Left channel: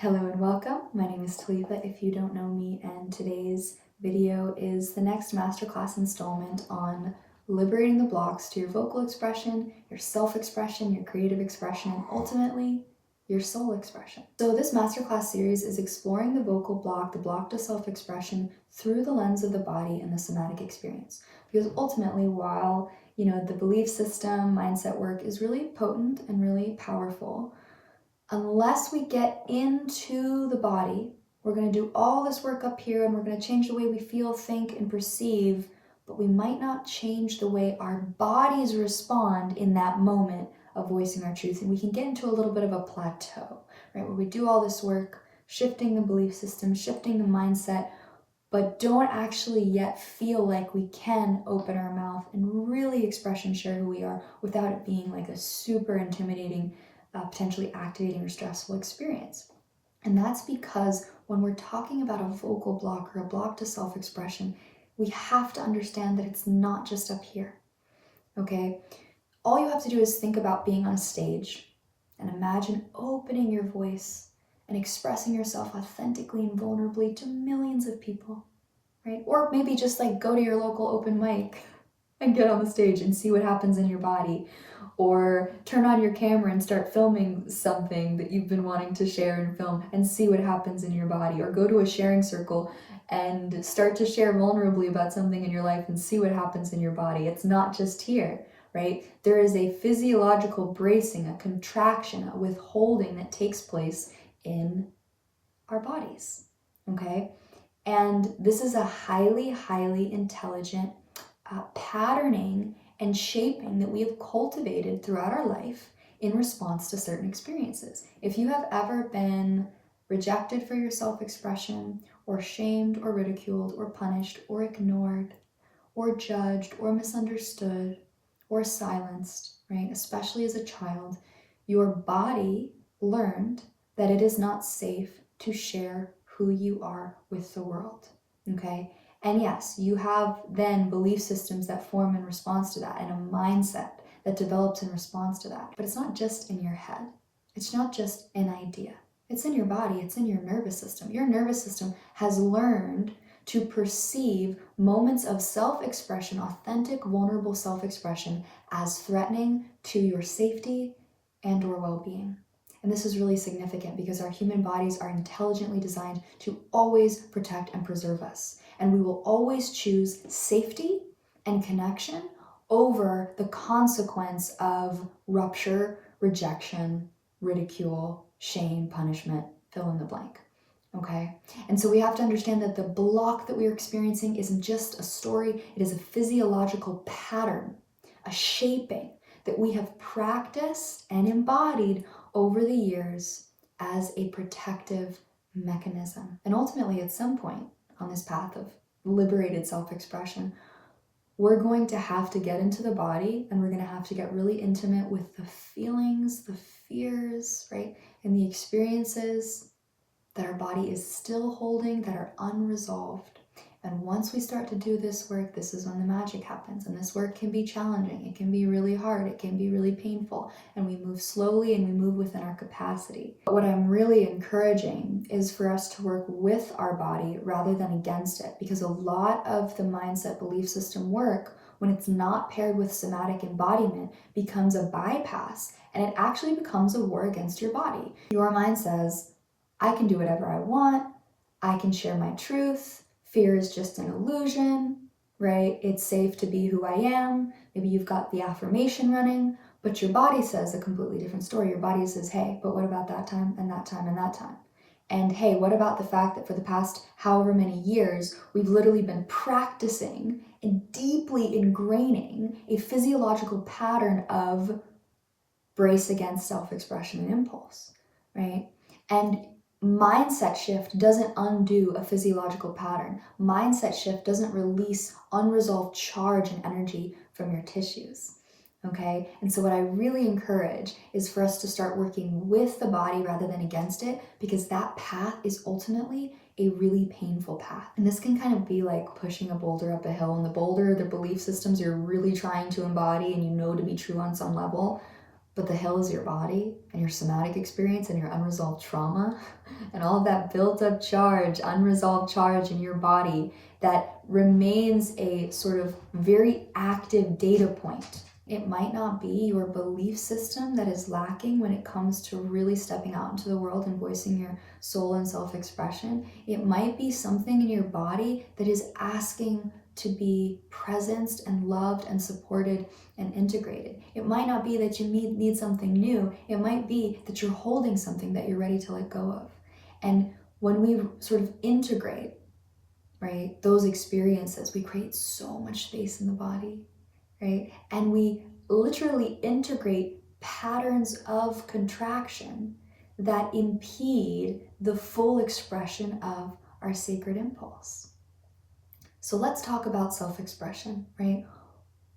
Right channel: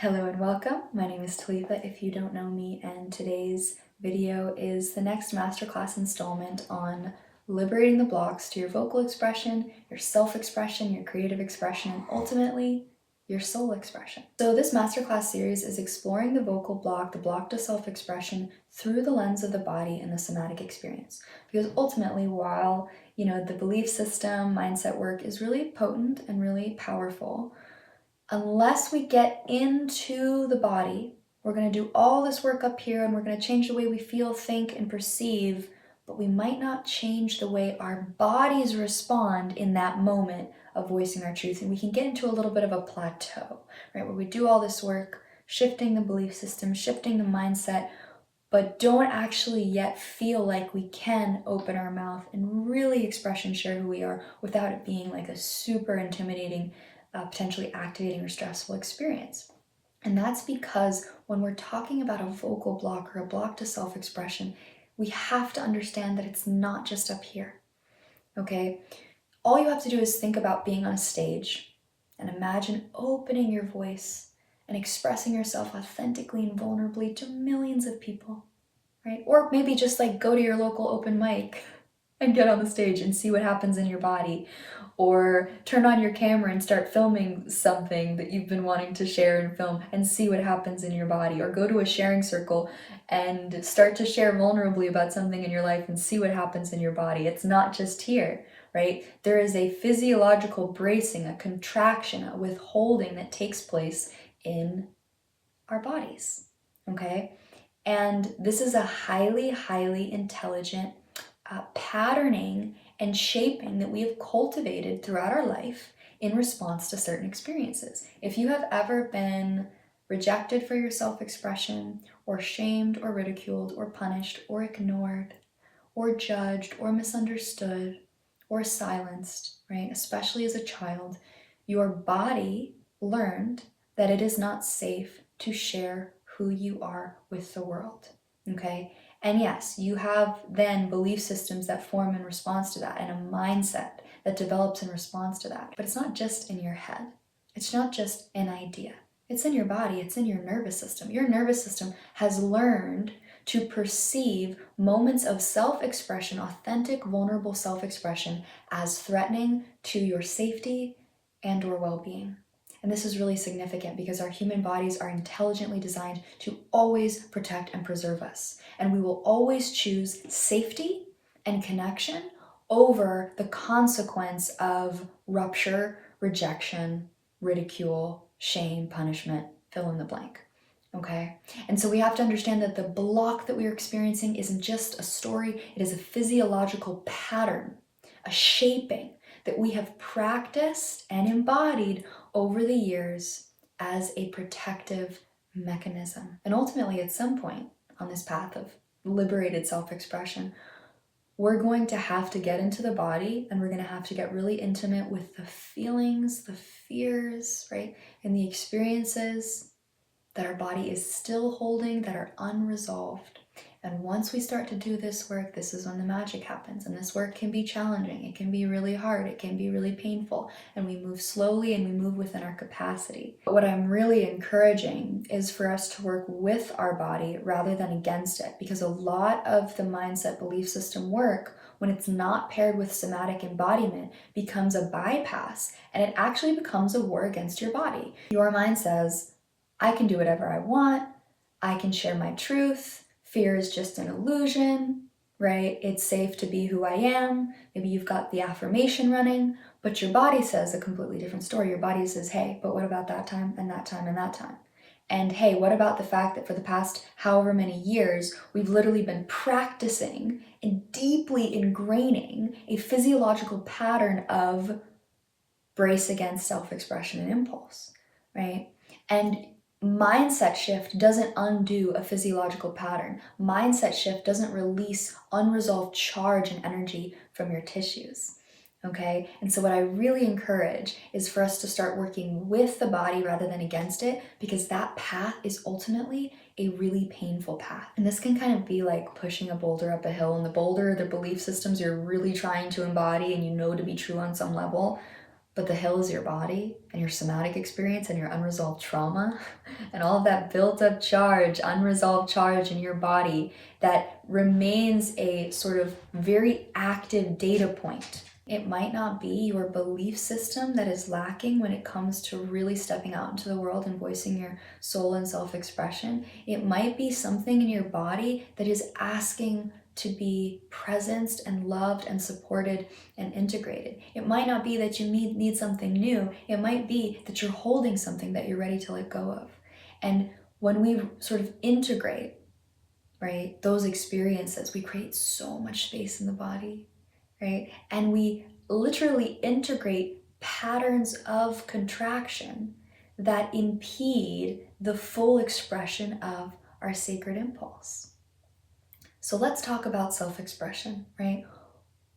Hello and welcome. My name is Talitha if you don't know me, and today's video is the next masterclass installment on liberating the blocks to your vocal expression, your self-expression, your creative expression, and ultimately your soul expression. So this masterclass series is exploring the vocal block, the block to self-expression through the lens of the body and the somatic experience. Because ultimately, while the belief system, mindset work is really potent and really powerful, unless we get into the body, we're going to do all this work up here and we're going to change the way we feel, think, and perceive, but we might not change the way our bodies respond in that moment of voicing our truth. And we can get into a little bit of a plateau, right? Where we do all this work, shifting the belief system, shifting the mindset, but don't actually yet feel like we can open our mouth and really express and share who we are without it being like a super intimidating, potentially activating or stressful experience. And that's because when we're talking about a vocal block or a block to self-expression, we have to understand that it's not just up here, okay? All you have to do is think about being on a stage and imagine opening your voice and expressing yourself authentically and vulnerably to millions of people, right? Or maybe just like go to your local open mic and get on the stage and see what happens in your body. Or turn on your camera and start filming something that you've been wanting to share and film and see what happens in your body. Or go to a sharing circle and start to share vulnerably about something in your life and see what happens in your body. It's not just here, right? There is a physiological bracing, a contraction, a withholding that takes place in our bodies, okay? And this is a highly, highly intelligent patterning and shaping that we have cultivated throughout our life in response to certain experiences. If you have ever been rejected for your self-expression, or shamed or ridiculed or punished or ignored or judged or misunderstood or silenced, right, especially as a child, your body learned that it is not safe to share who you are with the world, okay? And yes, you have then belief systems that form in response to that and a mindset that develops in response to that. But it's not just in your head. It's not just an idea. It's in your body. It's in your nervous system. Your nervous system has learned to perceive moments of self-expression, authentic, vulnerable self-expression, as threatening to your safety and or well-being. And this is really significant because our human bodies are intelligently designed to always protect and preserve us. And we will always choose safety and connection over the consequence of rupture, rejection, ridicule, shame, punishment, fill in the blank. Okay? And so we have to understand that the block that we are experiencing isn't just a story, it is a physiological pattern, a shaping that we have practiced and embodied over the years as a protective mechanism. And ultimately, at some point on this path of liberated self-expression, we're going to have to get into the body and we're going to have to get really intimate with the feelings, the fears, right? And the experiences that our body is still holding that are unresolved. And once we start to do this work, this is when the magic happens. And this work can be challenging. It can be really hard. It can be really painful. And we move slowly and we move within our capacity. But what I'm really encouraging is for us to work with our body rather than against it. Because a lot of the mindset belief system work, when it's not paired with somatic embodiment, becomes a bypass. And it actually becomes a war against your body. Your mind says, I can do whatever I want. I can share my truth. Fear is just an illusion, right? It's safe to be who I am. Maybe you've got the affirmation running, but your body says a completely different story. Your body says, hey, but what about that time and that time and that time? And hey, what about the fact that for the past however many years, we've literally been practicing and deeply ingraining a physiological pattern of brace against self-expression and impulse, right? And mindset shift doesn't undo a physiological pattern. Mindset shift doesn't release unresolved charge and energy from your tissues, okay? And so what I really encourage is for us to start working with the body rather than against it, because that path is ultimately a really painful path. And this can kind of be like pushing a boulder up a hill, and the boulder, the belief systems you're really trying to embody and you know to be true on some level, but the hill is your body and your somatic experience and your unresolved trauma and all of that built up charge, unresolved charge in your body that remains a sort of very active data point. It might not be your belief system that is lacking when it comes to really stepping out into the world and voicing your soul and self-expression. It might be something in your body that is asking to be presenced and loved and supported and integrated. It might not be that you need something new. It might be that you're holding something that you're ready to let go of. And when we sort of integrate, right, those experiences, we create so much space in the body, right? And we literally integrate patterns of contraction that impede the full expression of our sacred impulse. So let's talk about self-expression, right?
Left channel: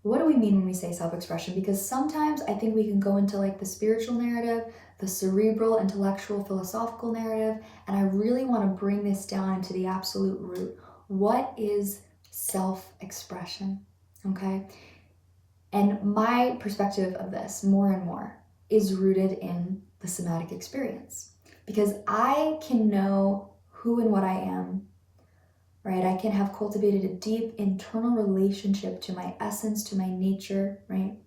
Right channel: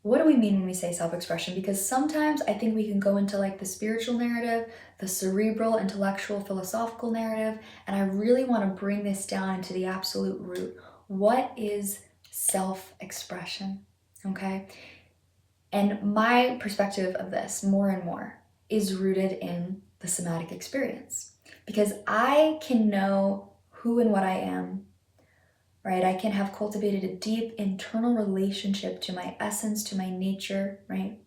What do we mean when we say self-expression? Because sometimes I think we can go into like the spiritual narrative, the cerebral, intellectual, philosophical narrative, and I really want to bring this down into the absolute root. What is self-expression? Okay? And my perspective of this, more and more, is rooted in the somatic experience. Because I can know who and what I am, right? I can have cultivated a deep internal relationship to my essence, to my nature, right?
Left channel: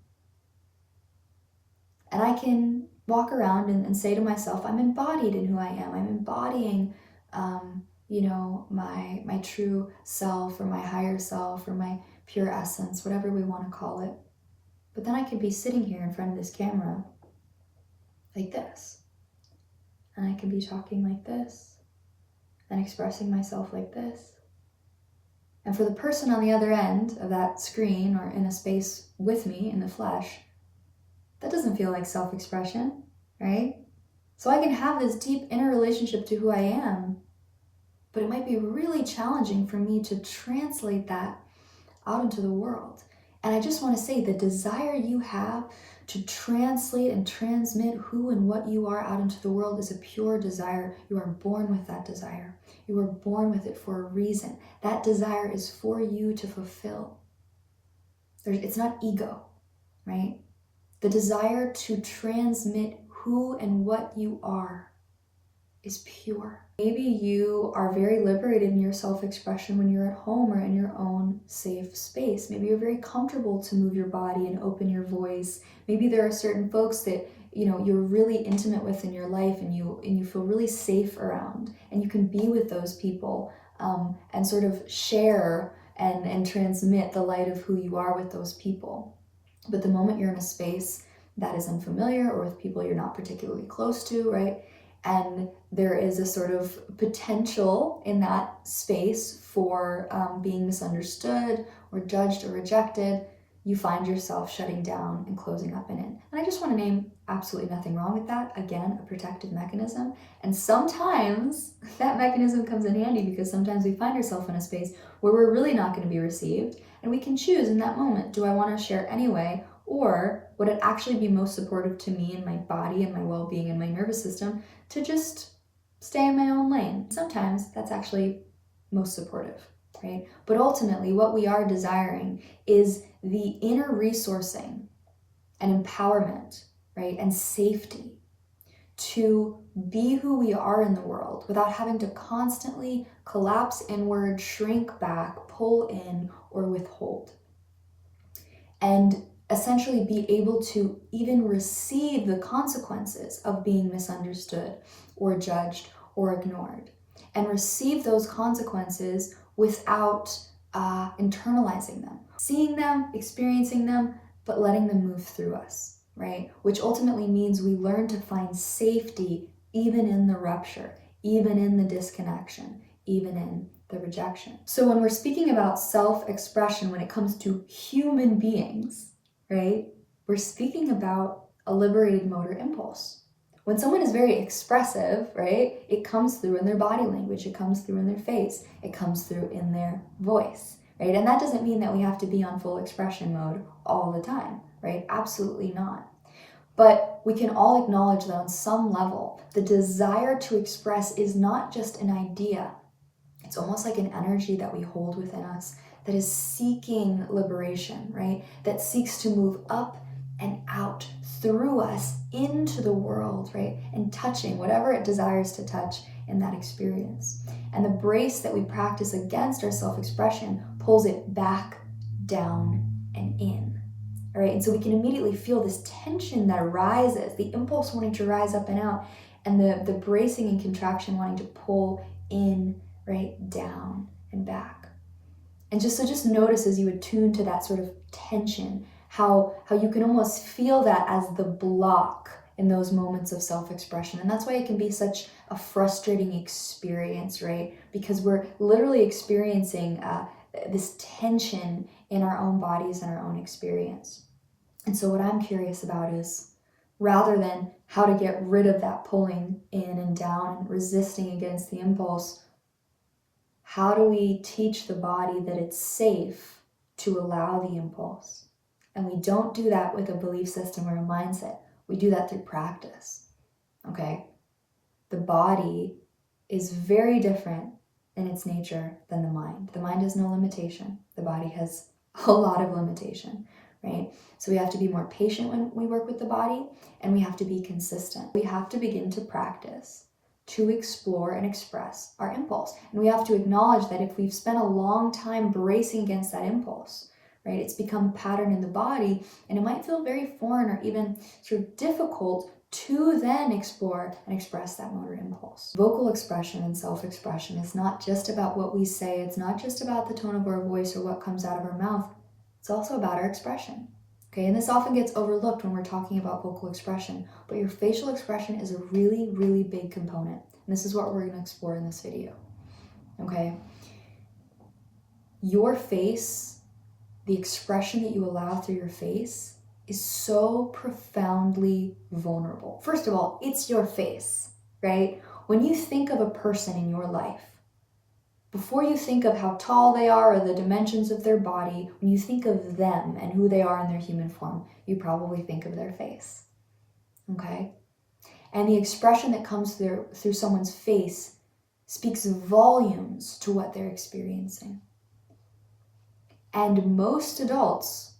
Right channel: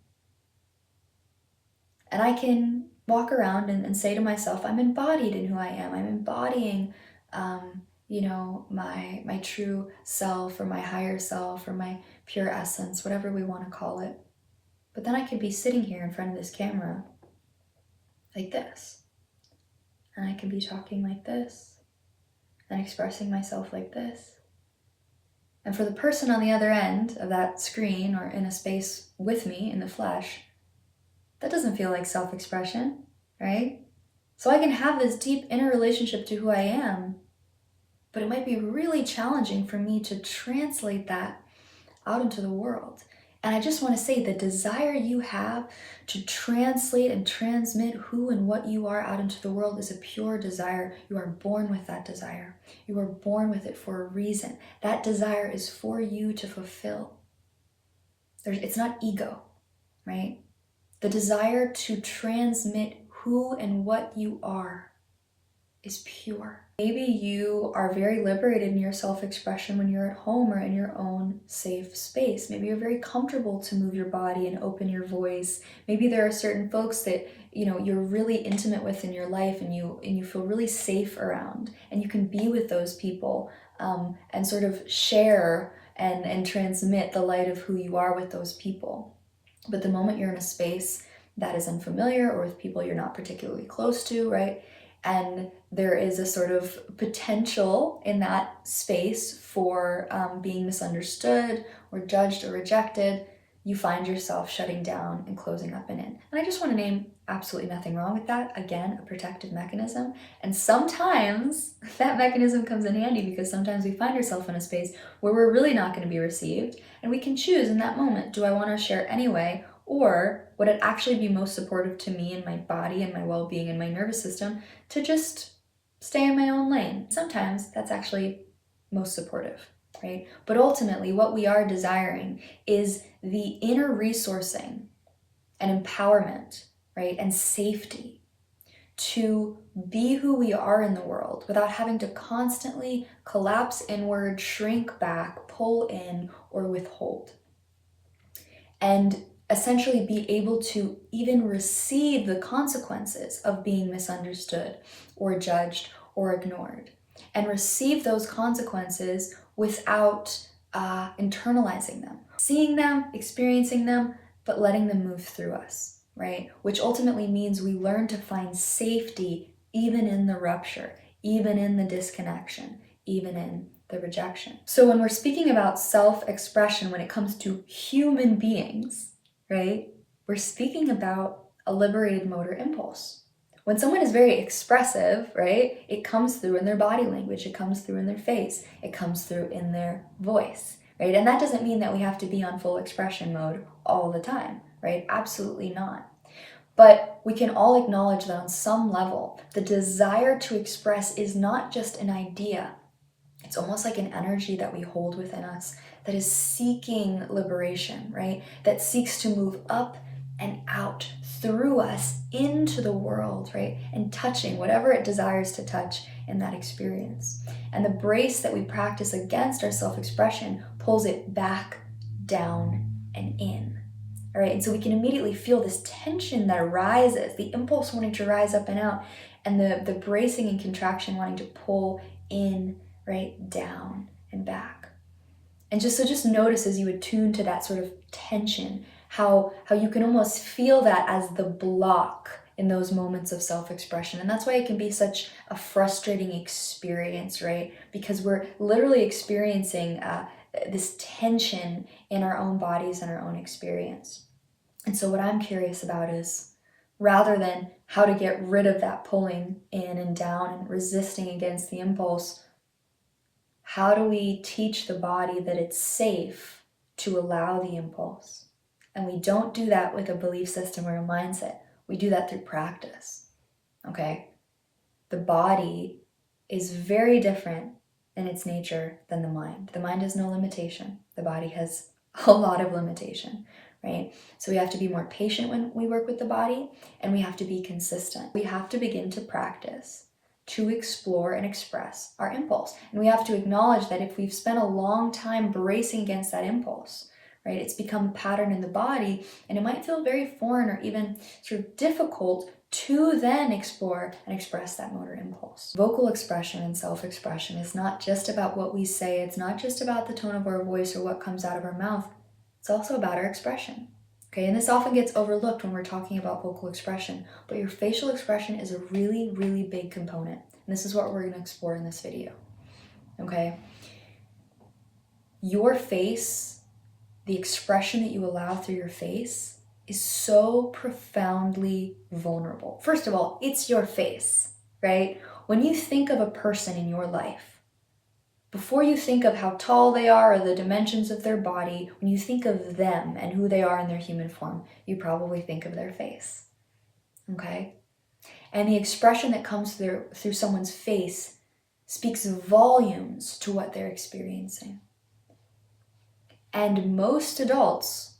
And I can walk around and say to myself, I'm embodied in who I am. I'm embodying, my true self or my higher self or my pure essence, whatever we want to call it. But then I could be sitting here in front of this camera like this. And I could be talking like this and expressing myself like this. And for the person on the other end of that screen or in a space with me in the flesh, that doesn't feel like self-expression, right? So I can have this deep inner relationship to who I am, but it might be really challenging for me to translate that out into the world. And I just want to say the desire you have to translate and transmit who and what you are out into the world is a pure desire. You are born with that desire. You are born with it for a reason. That desire is for you to fulfill. It's not ego, right? The desire to transmit who and what you are is pure. Maybe you are very liberated in your self-expression when you're at home or in your own safe space. Maybe you're very comfortable to move your body and open your voice. Maybe there are certain folks that you're really intimate with in your life and you feel really safe around, and you can be with those people and sort of share and transmit the light of who you are with those people. But the moment you're in a space that is unfamiliar or with people you're not particularly close to, right? And there is a sort of potential in that space for being misunderstood or judged or rejected, you find yourself shutting down and closing up and in. And I just want to name absolutely nothing wrong with that. Again, a protective mechanism. And sometimes that mechanism comes in handy because sometimes we find ourselves in a space where we're really not going to be received. And we can choose in that moment, do I want to share anyway? Or would it actually be most supportive to me and my body and my well-being and my nervous system to just stay in my own lane? Sometimes that's actually most supportive, right? But ultimately, what we are desiring is the inner resourcing and empowerment, right? And safety to be who we are in the world without having to constantly collapse inward, shrink back, pull in, or withhold. And essentially be able to even receive the consequences of being misunderstood or judged or ignored, and receive those consequences without internalizing them, seeing them, experiencing them, but letting them move through us, right? Which ultimately means we learn to find safety even in the rupture, even in the disconnection, even in the rejection. So when we're speaking about self-expression, when it comes to human beings, right, we're speaking about a liberated motor impulse. When someone is very expressive, right, it comes through in their body language, it comes through in their face, it comes through in their voice, right? And that doesn't mean that we have to be on full expression mode all the time, right? Absolutely not. But we can all acknowledge that on some level, the desire to express is not just an idea. It's almost like an energy that we hold within us that is seeking liberation, right? That seeks to move up and out through us into the world, right? And touching whatever it desires to touch in that experience. And the brace that we practice against our self-expression pulls it back, down, and in. All right, and so we can immediately feel this tension that arises, the impulse wanting to rise up and out, and the bracing and contraction wanting to pull in, right, down and back. And just notice as you attune to that sort of tension, how you can almost feel that as the block in those moments of self-expression. And that's why it can be such a frustrating experience, right? Because we're literally experiencing this tension in our own bodies and our own experience. And so what I'm curious about is, rather than how to get rid of that pulling in and down and resisting against the impulse, how do we teach the body that it's safe to allow the impulse? And we don't do that with a belief system or a mindset. We do that through practice, okay? The body is very different in its nature than the mind. The mind has no limitation. The body has a lot of limitation, right? So we have to be more patient when we work with the body, and we have to be consistent. We have to begin to practice to explore and express our impulse. And we have to acknowledge that if we've spent a long time bracing against that impulse, right, it's become a pattern in the body, and it might feel very foreign or even sort of difficult to then explore and express that motor impulse. Vocal expression and self-expression is not just about what we say. It's not just about the tone of our voice or what comes out of our mouth. It's also about our expression. Okay, and this often gets overlooked when we're talking about vocal expression, but your facial expression is a really, really big component. And this is what we're going to explore in this video. Okay? Your face, the expression that you allow through your face, is so profoundly vulnerable. First of all, it's your face, right? When you think of a person in your life, before you think of how tall they are or the dimensions of their body, when you think of them and who they are in their human form, you probably think of their face, okay? And the expression that comes through someone's face speaks volumes to what they're experiencing. And most adults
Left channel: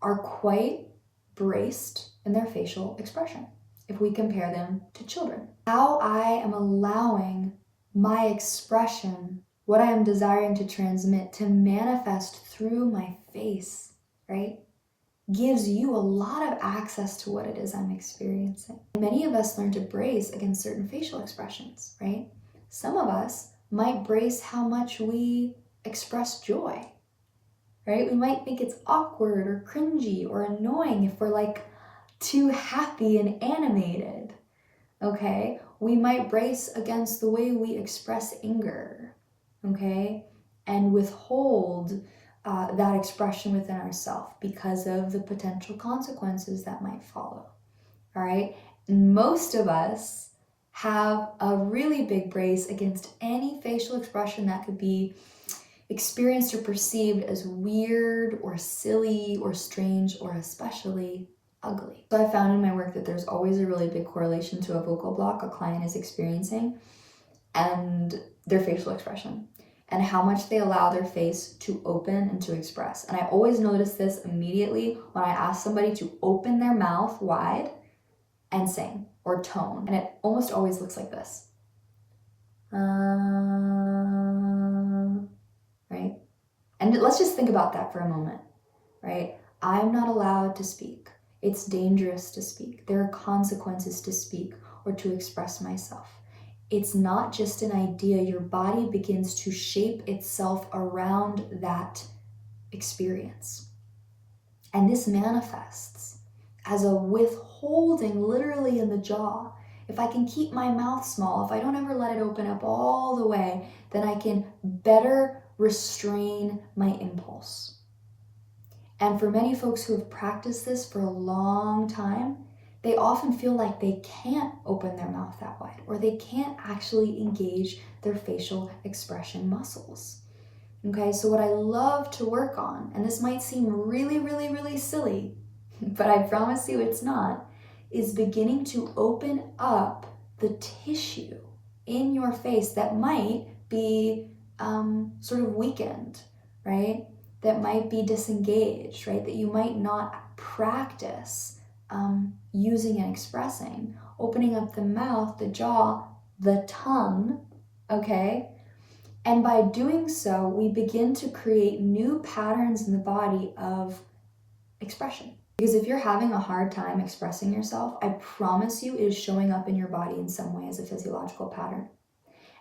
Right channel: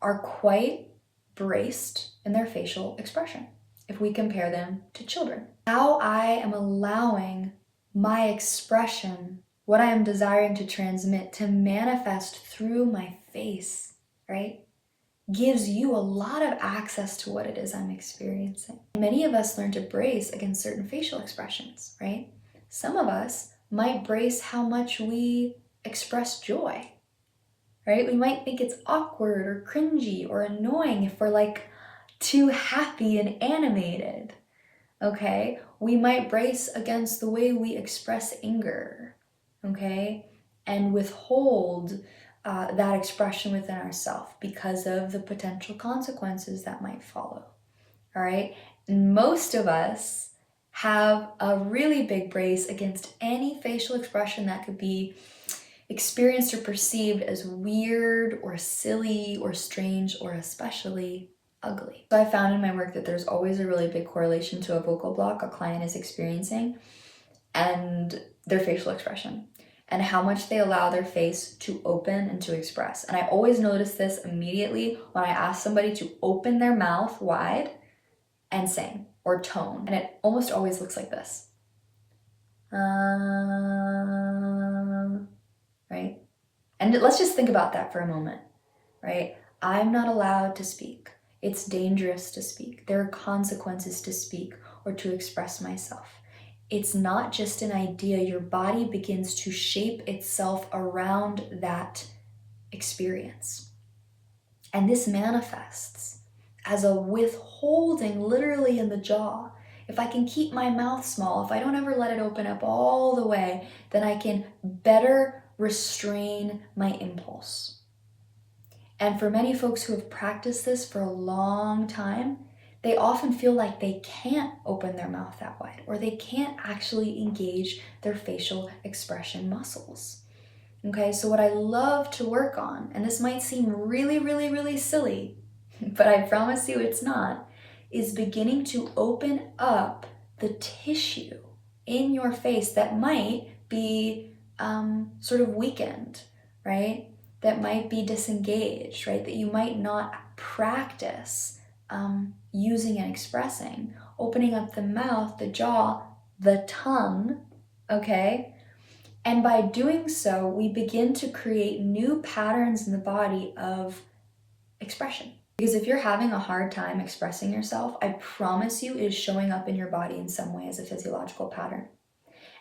are quite braced in their facial expression if we compare them to children. How I am allowing my expression, what I am desiring to transmit, to manifest through my face, right, gives you a lot of access to what it is I'm experiencing. Many of us learn to brace against certain facial expressions, right? Some of us might brace how much we express joy, right? We might think it's awkward or cringy or annoying if we're like too happy and animated, okay? We might brace against the way we express anger, okay? And withhold that expression within ourselves because of the potential consequences that might follow, all right? Most of us have a really big brace against any facial expression that could be experienced or perceived as weird or silly or strange or especially ugly. So I found in my work that there's always a really big correlation to a vocal block a client is experiencing and their facial expression and how much they allow their face to open and to express. And I always notice this immediately when I ask somebody to open their mouth wide and sing or tone. And it almost always looks like this. Right? And let's just think about that for a moment, right? I'm not allowed to speak. It's dangerous to speak. There are consequences to speak or to express myself. It's not just an idea. Your body begins to shape itself around that experience. And this manifests as a withholding literally in the jaw. If I can keep my mouth small, if I don't ever let it open up all the way, then I can better restrain my impulse. And for many folks who have practiced this for a long time, they often feel like they can't open their mouth that wide, or they can't actually engage their facial expression muscles. Okay, so what I love to work on, and this might seem really, really, really silly, but I promise you it's not, is beginning to open up the tissue in your face that might be sort of weakened, right? That might be disengaged, right? That you might not practice using and expressing, opening up the mouth, the jaw, the tongue, okay? And by doing so, we begin to create new patterns in the body of expression. Because if you're having a hard time expressing yourself, I promise you it is showing up in your body in some way as a physiological pattern.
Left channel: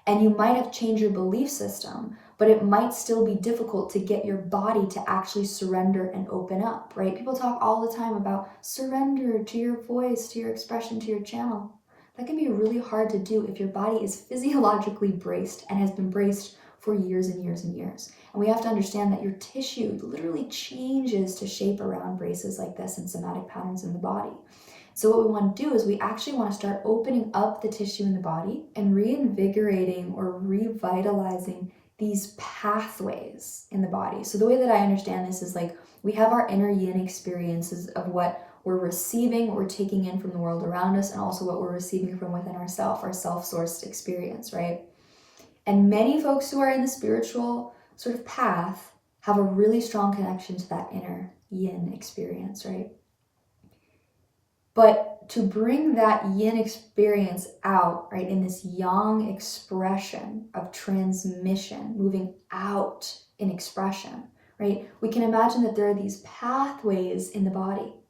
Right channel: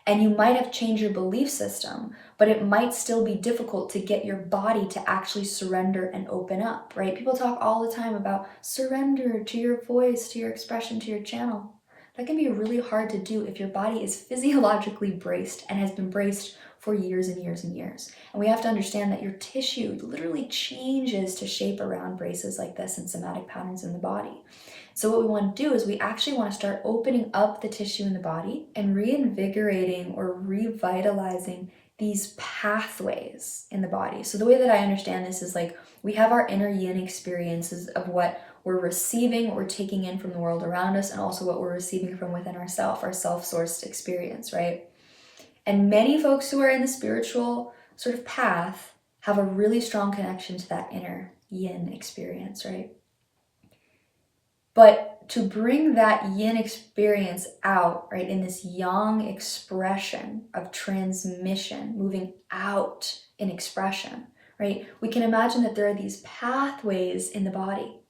And you might have changed your belief system, but it might still be difficult to get your body to actually surrender and open up, right? People talk all the time about surrender to your voice, to your expression, to your channel. That can be really hard to do if your body is physiologically braced and has been braced for years and years and years. And we have to understand that your tissue literally changes to shape around braces like this and somatic patterns in the body. So what we want to do is we actually want to start opening up the tissue in the body and reinvigorating or revitalizing these pathways in the body. So the way that I understand this is like we have our inner yin experiences of what we're receiving, what we're taking in from the world around us, and also what we're receiving from within ourselves, our self-sourced experience, right? And many folks who are in the spiritual sort of path have a really strong connection to that inner yin experience, right? But to bring that yin experience out, right, in this yang expression of transmission, moving out in expression, right, we can imagine that there are these pathways in the body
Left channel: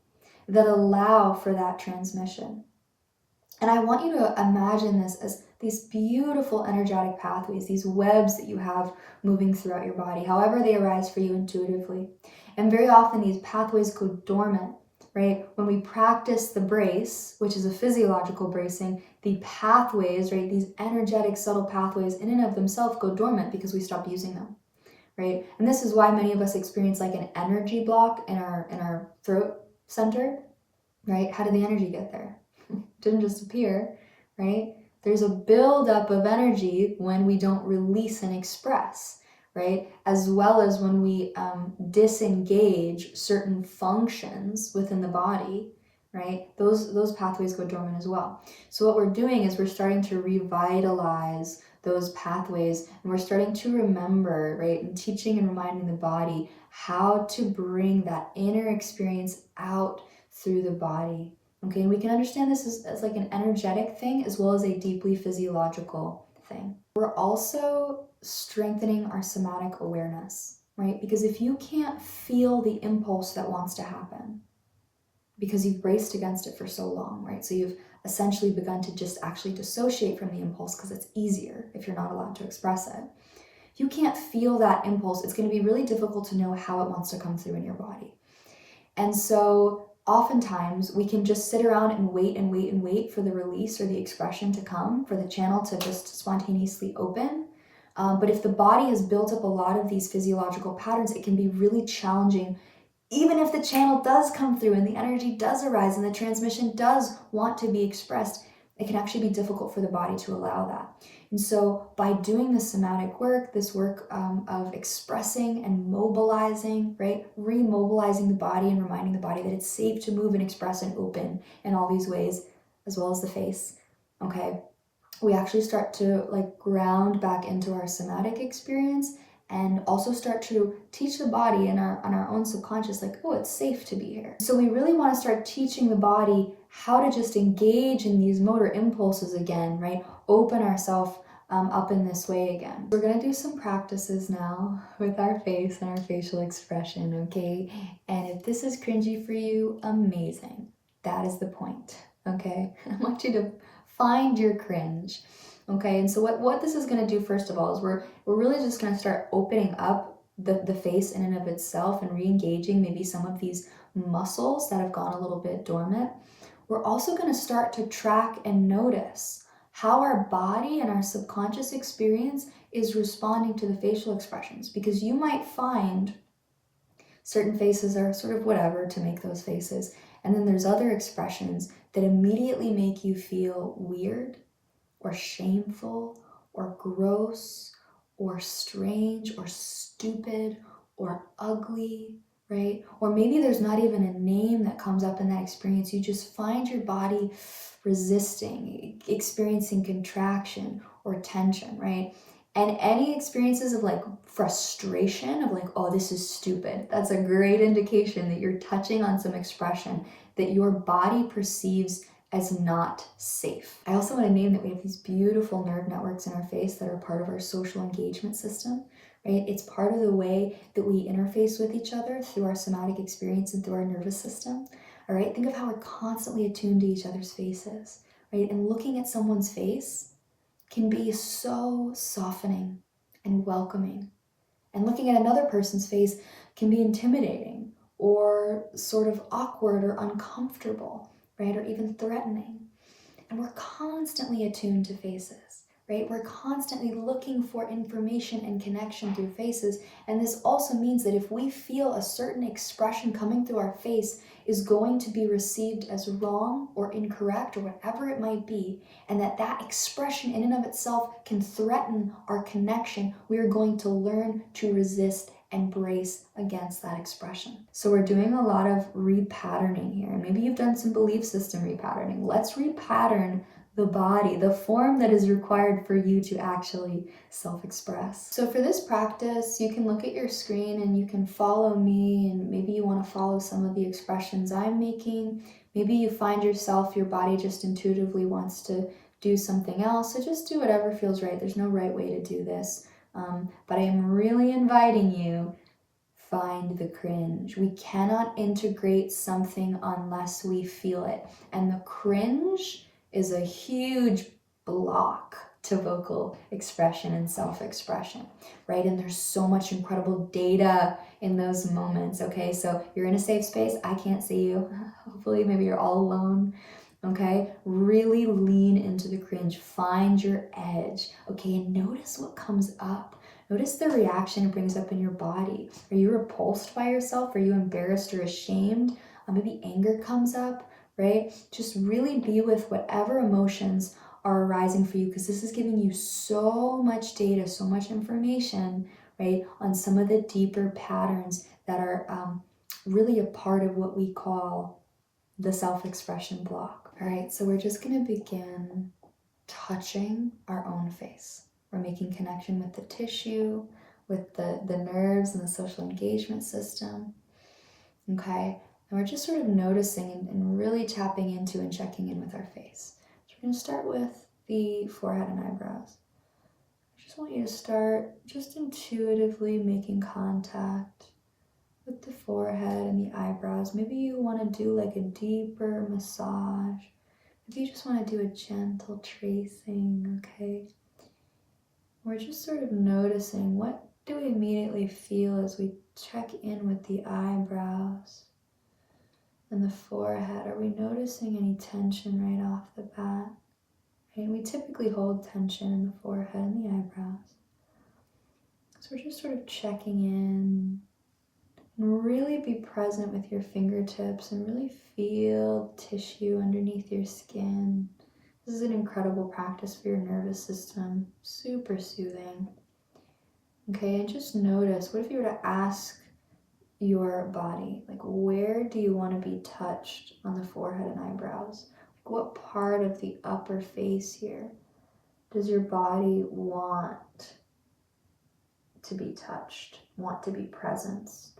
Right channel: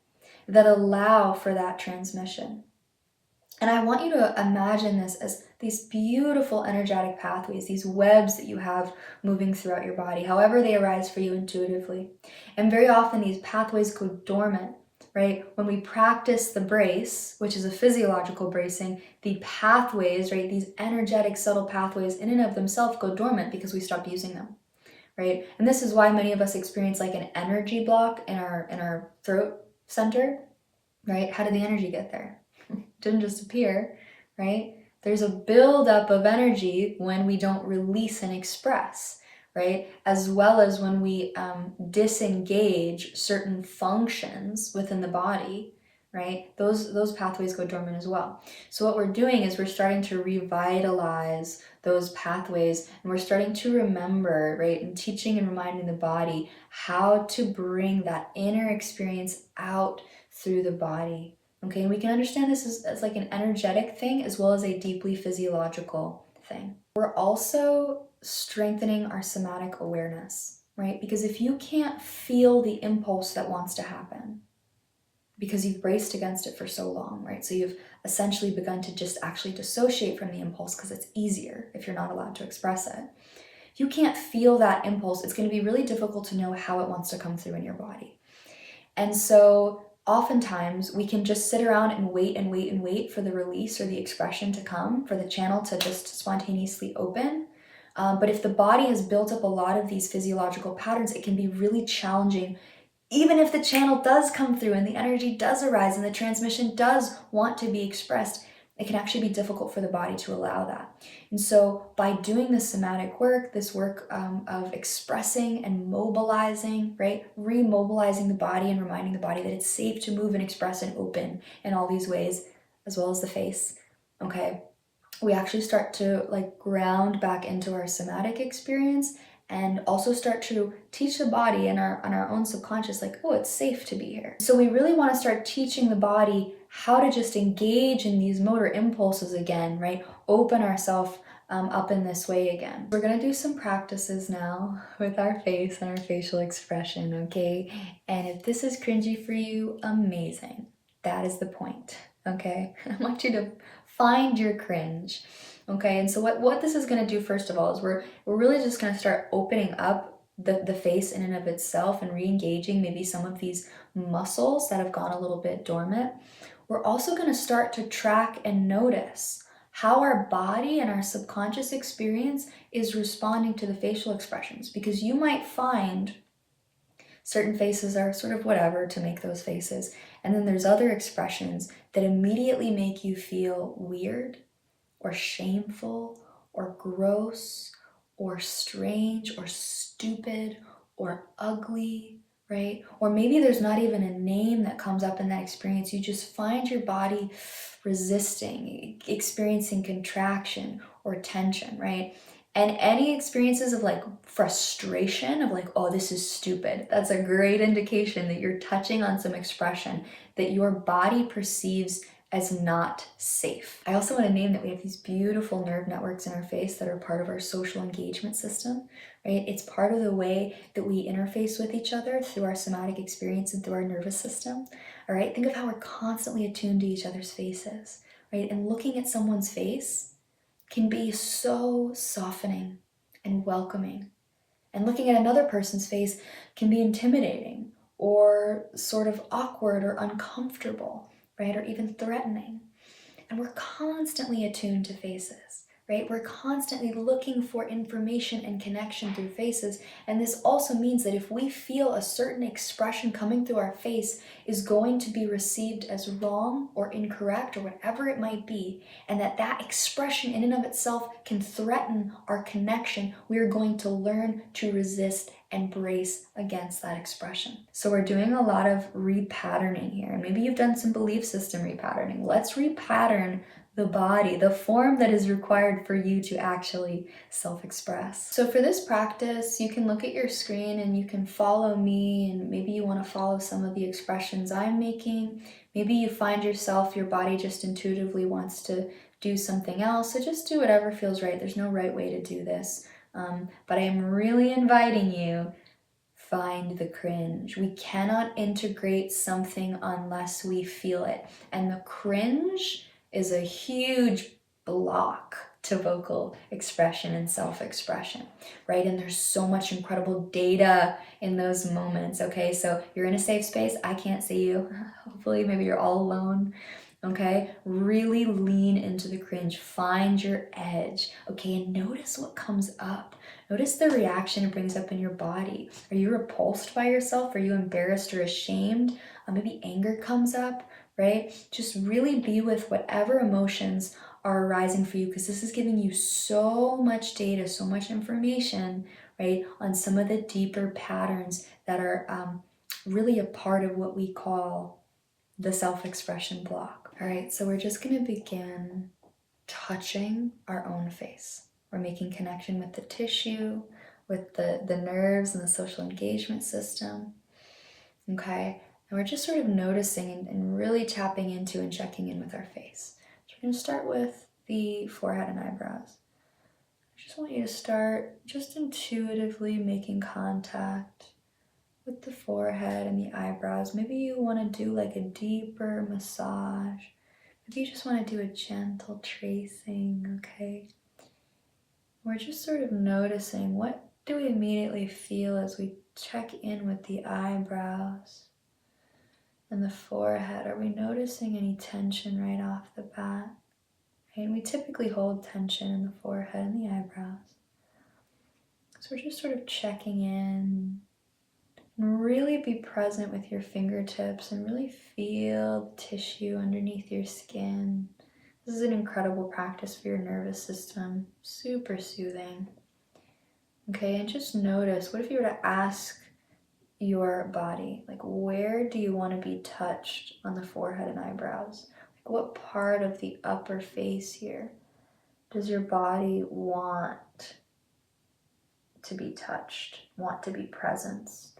that allow for that transmission. And I want you to imagine this as these beautiful energetic pathways, these webs that you have moving throughout your body, however they arise for you intuitively. And very often these pathways go dormant, right? When we practice the brace, which is a physiological bracing, the pathways, right, these energetic subtle pathways in and of themselves go dormant because we stop using them, right? And this is why many of us experience like an energy block in our throat center, right? How did the energy get there? Didn't just appear, right? There's a buildup of energy when we don't release and express, right? As well as when we disengage certain functions within the body, right? Those pathways go dormant as well. So what we're doing is we're starting to revitalize those pathways, and we're starting to remember, right, and teaching and reminding the body how to bring that inner experience out through the body. Okay, and we can understand this as like an energetic thing as well as a deeply physiological thing. We're also strengthening our somatic awareness, right? Because if you can't feel the impulse that wants to happen, because you've braced against it for so long, right? So you've essentially begun to just actually dissociate from the impulse because it's easier if you're not allowed to express it. If you can't feel that impulse, it's going to be really difficult to know how it wants to come through in your body. And so oftentimes we can just sit around and wait and wait and wait for the release or the expression to come, for the channel to just spontaneously open. But if the body has built up a lot of these physiological patterns, it can be really challenging. Even if the channel does come through and the energy does arise and the transmission does want to be expressed, it can actually be difficult for the body to allow that. And so by doing this somatic work, this work of expressing and mobilizing, right? Remobilizing the body and reminding the body that it's safe to move and express and open in all these ways, as well as the face, okay? We actually start to like ground back into our somatic experience and also start to teach the body and on our own subconscious, like, oh, it's safe to be here. So we really want to start teaching the body how to just engage in these motor impulses again, right? Open ourselves up in this way again. We're going to do some practices now with our face and our facial expression, okay? And if this is cringy for you, amazing. That is the point, okay? I want you to find your cringe. Okay, and so what this is going to do, first of all, is we're really just going to start opening up the face in and of itself and re-engaging maybe some of these muscles that have gone a little bit dormant. We're also going to start to track and notice how our body and our subconscious experience is responding to the facial expressions, because you might find certain faces are sort of whatever to make those faces, and then there's other expressions that immediately make you feel weird or shameful or gross or strange or stupid or ugly, right? Or maybe there's not even a name that comes up in that experience. You just find your body resisting, experiencing contraction or tension, right? And any experiences of like frustration of like, oh, this is stupid, that's a great indication that you're touching on some expression that your body perceives as not safe. I also want to name that we have these beautiful nerve networks in our face that are part of our social engagement system, right? It's part of the way that we interface with each other through our somatic experience and through our nervous system, all right? Think of how we're constantly attuned to each other's faces, right? And looking at someone's face can be so softening and welcoming. And looking at another person's face can be intimidating or sort of awkward or uncomfortable, right? Or even threatening. And we're constantly attuned to faces, right? We're constantly looking for information and connection through faces. And this also means that if we feel a certain expression coming through our face is going to be received as wrong or incorrect or whatever it might be, and that expression in and of itself can threaten our connection, we are going to learn to resist and brace against that expression. So we're doing a lot of repatterning here. And maybe you've done some belief system repatterning. Let's repattern the body, the form that is required for you to actually self-express. So for this practice, you can look at your screen and you can follow me, and maybe you want to follow some of the expressions I'm making. Maybe you find yourself, your body just intuitively wants to do something else. So just do whatever feels right. There's no right way to do this. But I'm really inviting you, find the cringe. We cannot integrate something unless we feel it. And the cringe is a huge block to vocal expression and self-expression, right? And there's so much incredible data in those moments, okay? So you're in a safe space. I can't see you. Hopefully, maybe you're all alone. Okay, really lean into the cringe, find your edge, okay, and notice what comes up. Notice the reaction it brings up in your body. Are you repulsed by yourself? Are you embarrassed or ashamed? Maybe anger comes up, right? Just really be with whatever emotions are arising for you, because this is giving you so much data, so much information, right, on some of the deeper patterns that are really a part of what we call the self-expression block. All right, so we're just gonna begin touching our own face. We're making connection with the tissue, with the nerves and the social engagement system, okay? And we're just sort of noticing and really tapping into and checking in with our face. So we're gonna start with the forehead and eyebrows. I just want you to start just intuitively making contact with the forehead and the eyebrows. Maybe you want to do like a deeper massage. Maybe you just want to do a gentle tracing, okay? We're just sort of noticing, what do we immediately feel as we check in with the eyebrows and the forehead? Are we noticing any tension right off the bat? And we typically hold tension in the forehead and the eyebrows. So we're just sort of checking in. And really be present with your fingertips and really feel the tissue underneath your skin. This is an incredible practice for your nervous system. Super soothing. Okay, and just notice, what if you were to ask your body, like, where do you want to be touched on the forehead and eyebrows? Like, what part of the upper face here does your body want to be touched, want to be presenced?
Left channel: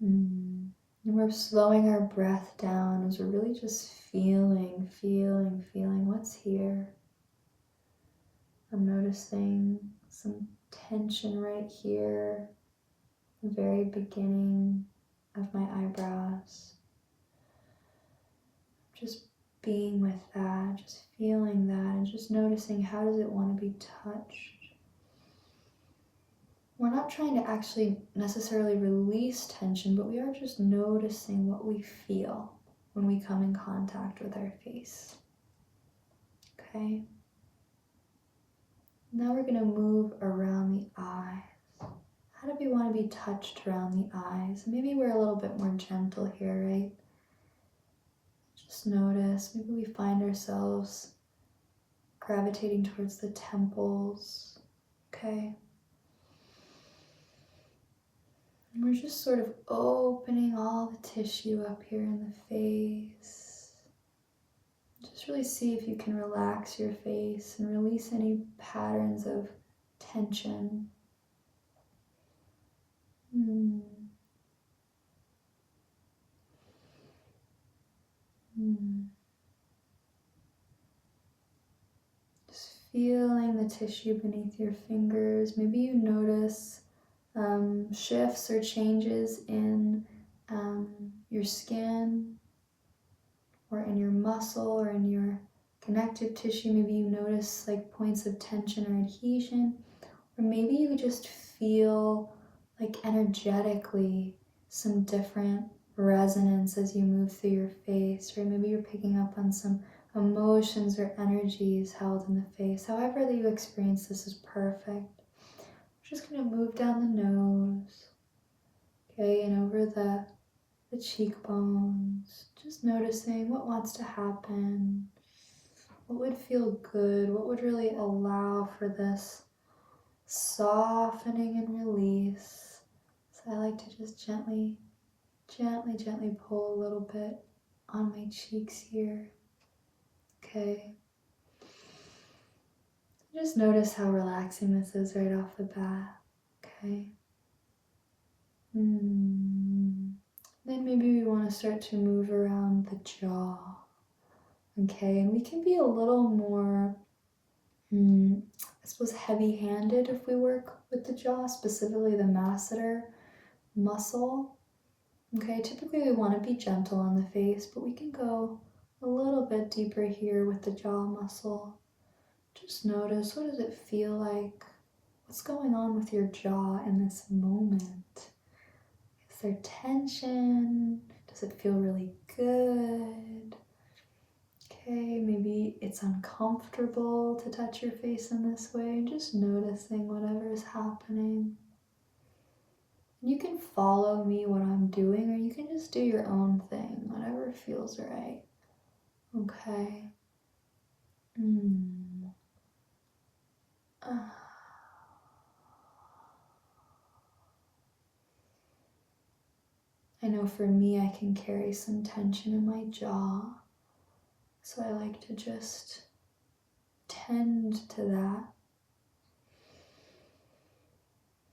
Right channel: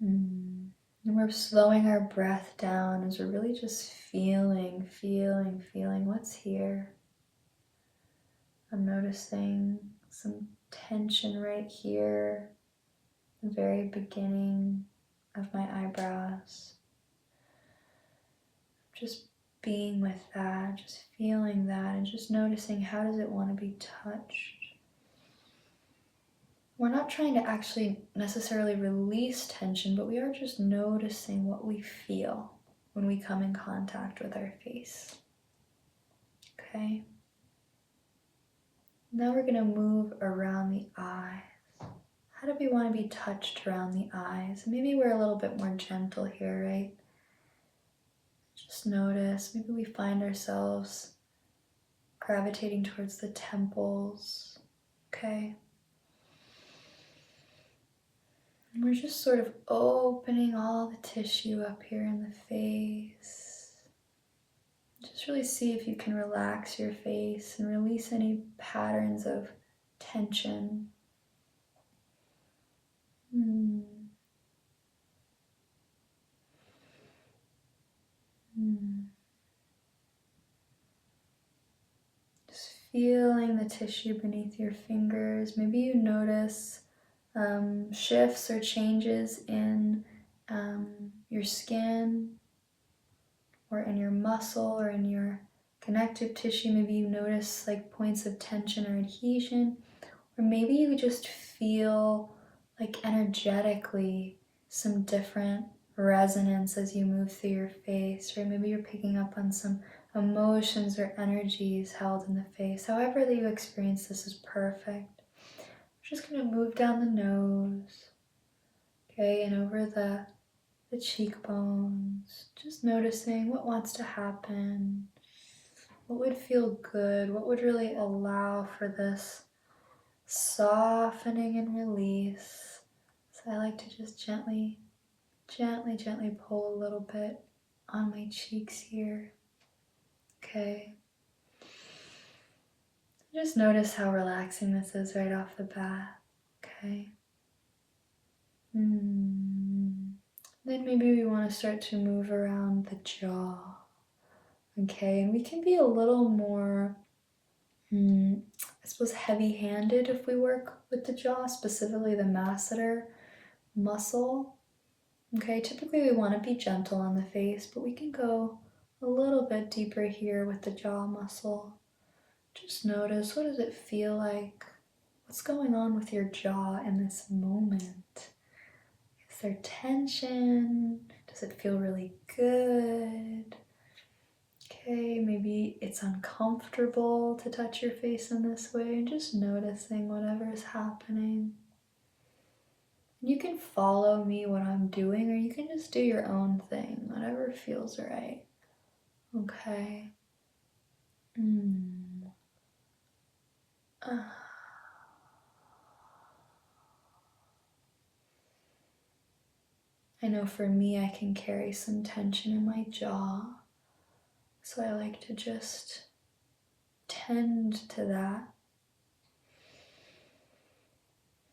And we're slowing our breath down as we're really just feeling what's here. I'm noticing some tension right here, the very beginning of my eyebrows. Just being with that, just feeling that, and just noticing, how does it want to be touched? We're not trying to actually necessarily release tension, but we are just noticing what we feel when we come in contact with our face. Okay? Now we're going to move around the eyes. How do we want to be touched around the eyes? Maybe we're a little bit more gentle here, right? Just notice, maybe we find ourselves gravitating towards the temples. Okay? And we're just sort of opening all the tissue up here in the face. Just really see if you can relax your face and release any patterns of tension. Just feeling the tissue beneath your fingers. Maybe you notice shifts or changes in your skin or in your muscle or in your connective tissue. Maybe you notice like points of tension or adhesion, or maybe you just feel like energetically some different resonance as you move through your face, or maybe you're picking up on some emotions or energies held in the face. However that you experience this is perfect. Just going to move down the nose, okay, and over the cheekbones, just noticing what wants to happen, what would feel good, what would really allow for this softening and release. So I like to just gently pull a little bit on my cheeks here. Okay. Just notice how relaxing this is right off the bat. Okay. Then maybe we want to start to move around the jaw. Okay, and we can be a little more, I suppose, heavy-handed if we work with the jaw, specifically the masseter muscle. Okay, typically we want to be gentle on the face, but we can go a little bit deeper here with the jaw muscle. Just notice, what does it feel like? What's going on with your jaw in this moment? Is there tension? Does it feel really good? Okay, maybe it's uncomfortable to touch your face in this way. Just noticing whatever is happening. You can follow me what I'm doing, or you can just do your own thing, whatever feels right. Okay. I know for me, I can carry some tension in my jaw, so I like to just tend to that.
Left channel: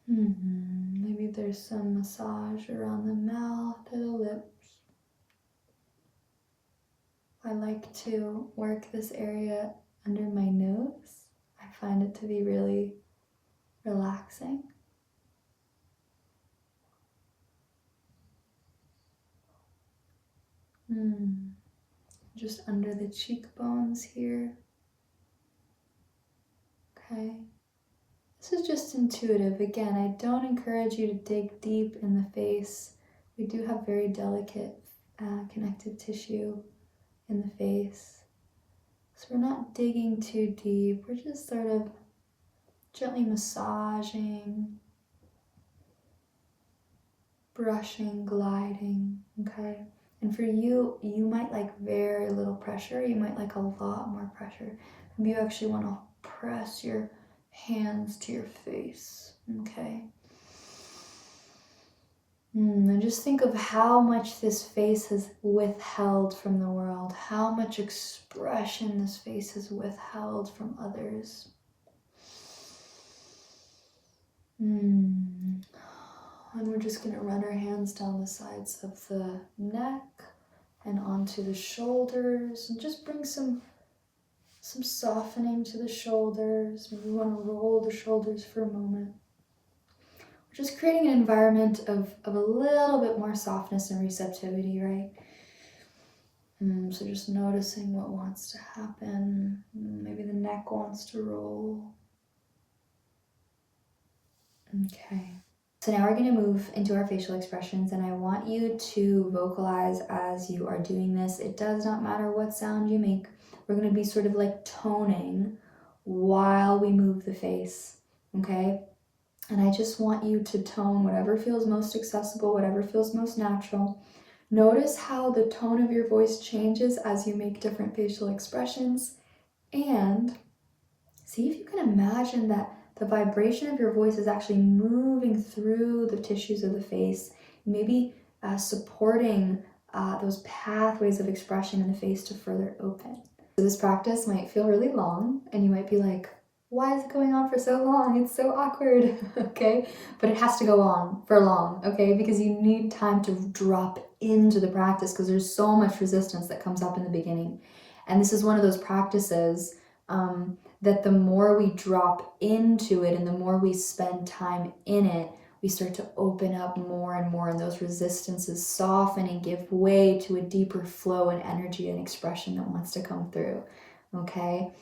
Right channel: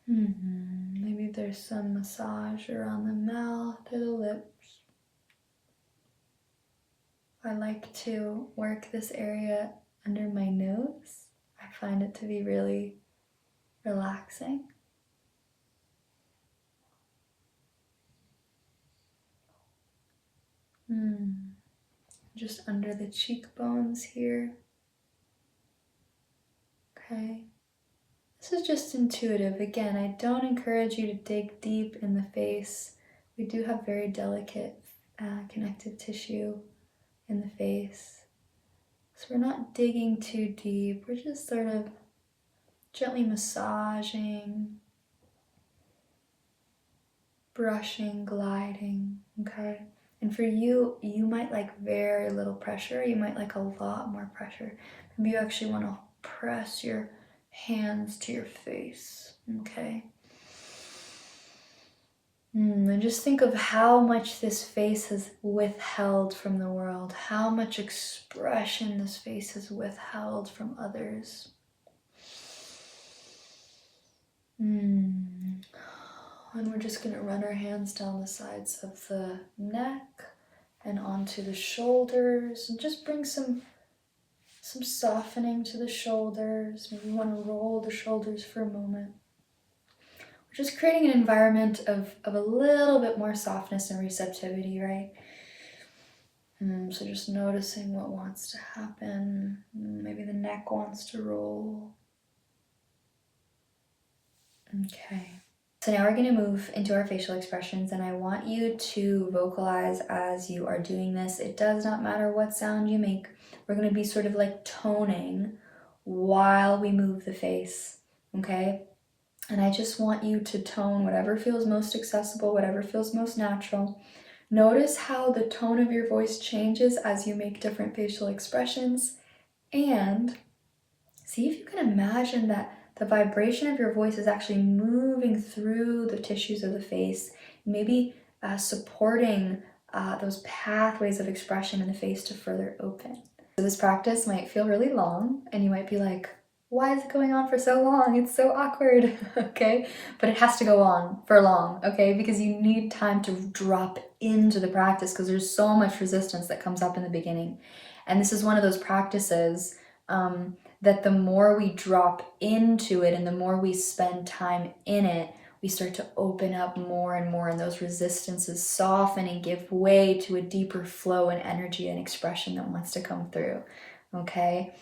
Maybe there's some massage around the mouth or the lips. I like to work this area under my nose. I find it to be really relaxing. Just under the cheekbones here. Okay. This is just intuitive. Again, I don't encourage you to dig deep in the face. We do have very delicate connective tissue in the face. So we're not digging too deep. We're just sort of gently massaging, brushing, gliding, okay? And for you, you might like very little pressure. You might like a lot more pressure. Maybe you actually want to press your hands to your face, okay? And just think of how much this face has withheld from the world, how much expression this face has withheld from others. And we're just going to run our hands down the sides of the neck and onto the shoulders, and just bring some softening to the shoulders. Maybe you want to roll the shoulders for a moment. We're just creating an environment of a little bit more softness and receptivity, right? So just noticing what wants to happen. Maybe the neck wants to roll. Okay. So now we're going to move into our facial expressions, and I want you to vocalize as you are doing this. It does not matter what sound you make. We're going to be sort of like toning while we move the face, okay? And I just want you to tone whatever feels most accessible, whatever feels most natural. Notice how the tone of your voice changes as you make different facial expressions, and see if you can imagine that the vibration of your voice is actually moving through the tissues of the face, maybe supporting those pathways of expression in the face to further open. So this practice might feel really long, and you might be like, why is it going on for so long? It's so awkward, okay? But it has to go on for long, okay? Because you need time to drop into the practice, because there's so much resistance that comes up in the beginning. And this is one of those practices that the more we drop into it and the more we spend time in it, we start to open up more and more, and those resistances soften and give way to a deeper flow and energy and expression that wants to come through. Okay?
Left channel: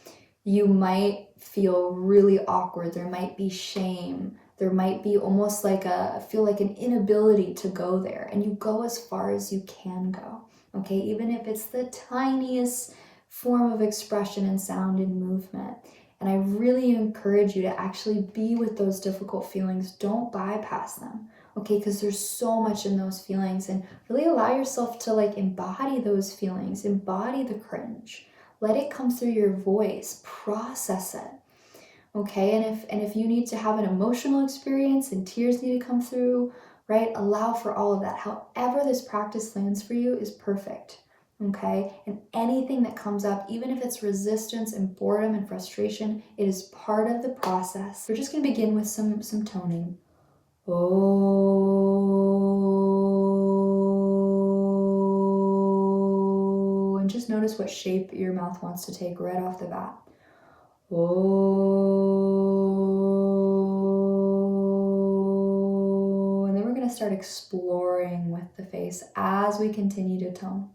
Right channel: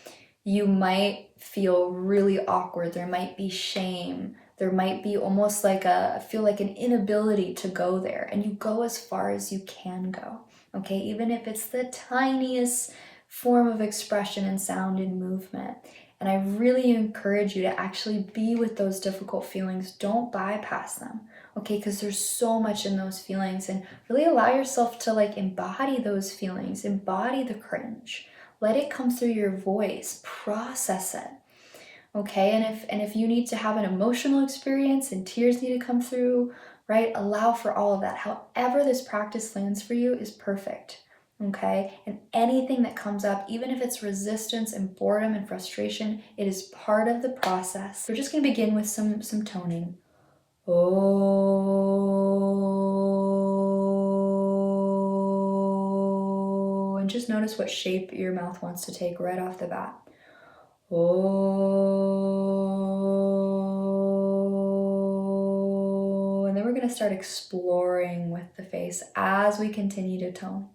You might feel really awkward. There might be shame. There might be almost like feel like an inability to go there. And you go as far as you can go. Okay? Even if it's the tiniest form of expression and sound and movement. And I really encourage you to actually be with those difficult feelings. Don't bypass them, okay? Because there's so much in those feelings, and really allow yourself to like embody those feelings, embody the cringe. Let it come through your voice, process it, okay? And if you need to have an emotional experience and tears need to come through, right? Allow for all of that. However this practice lands for you is perfect. Okay, and anything that comes up, even if it's resistance and boredom and frustration, it is part of the process. We're just going to begin with some toning. Oh, and just notice what shape your mouth wants to take right off the bat. Oh, and then we're going to start exploring with the face as we continue to tone.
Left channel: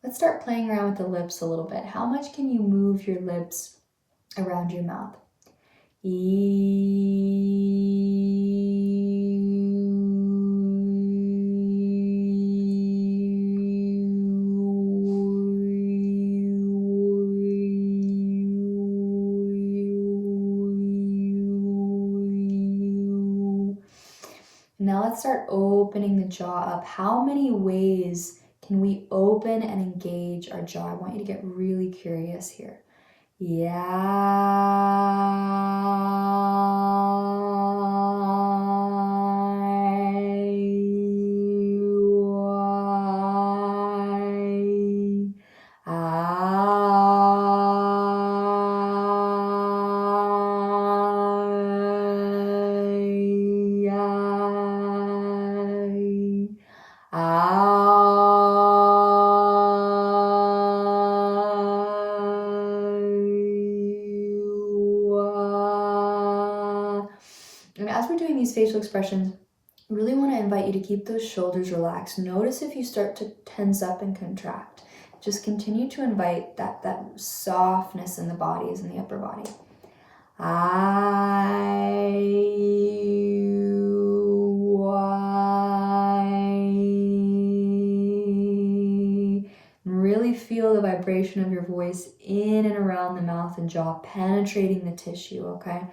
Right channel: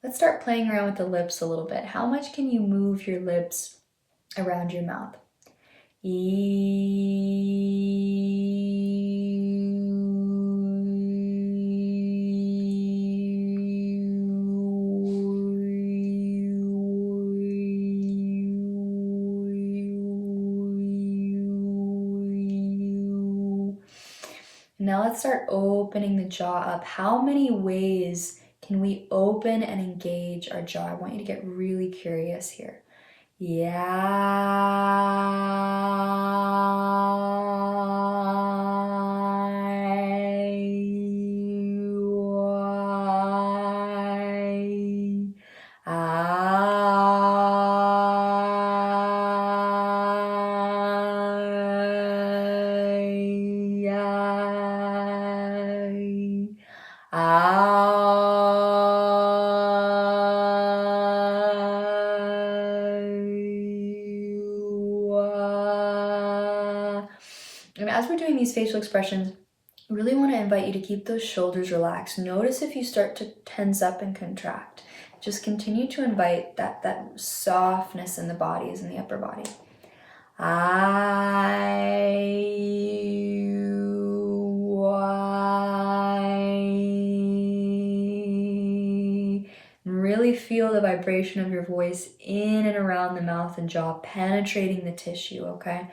Let's start playing around with the lips a little bit. How much can you move your lips around your mouth? Now let's start opening the jaw up. How many ways can we open and engage our jaw? I want you to get really curious here. And as we're doing these facial expressions, I really want to invite you to keep those shoulders relaxed. Notice if you start to tense up and contract. Just continue to invite that softness in the bodies, in the upper body. Really feel the vibration of your voice in and around the mouth and jaw, penetrating the tissue, okay?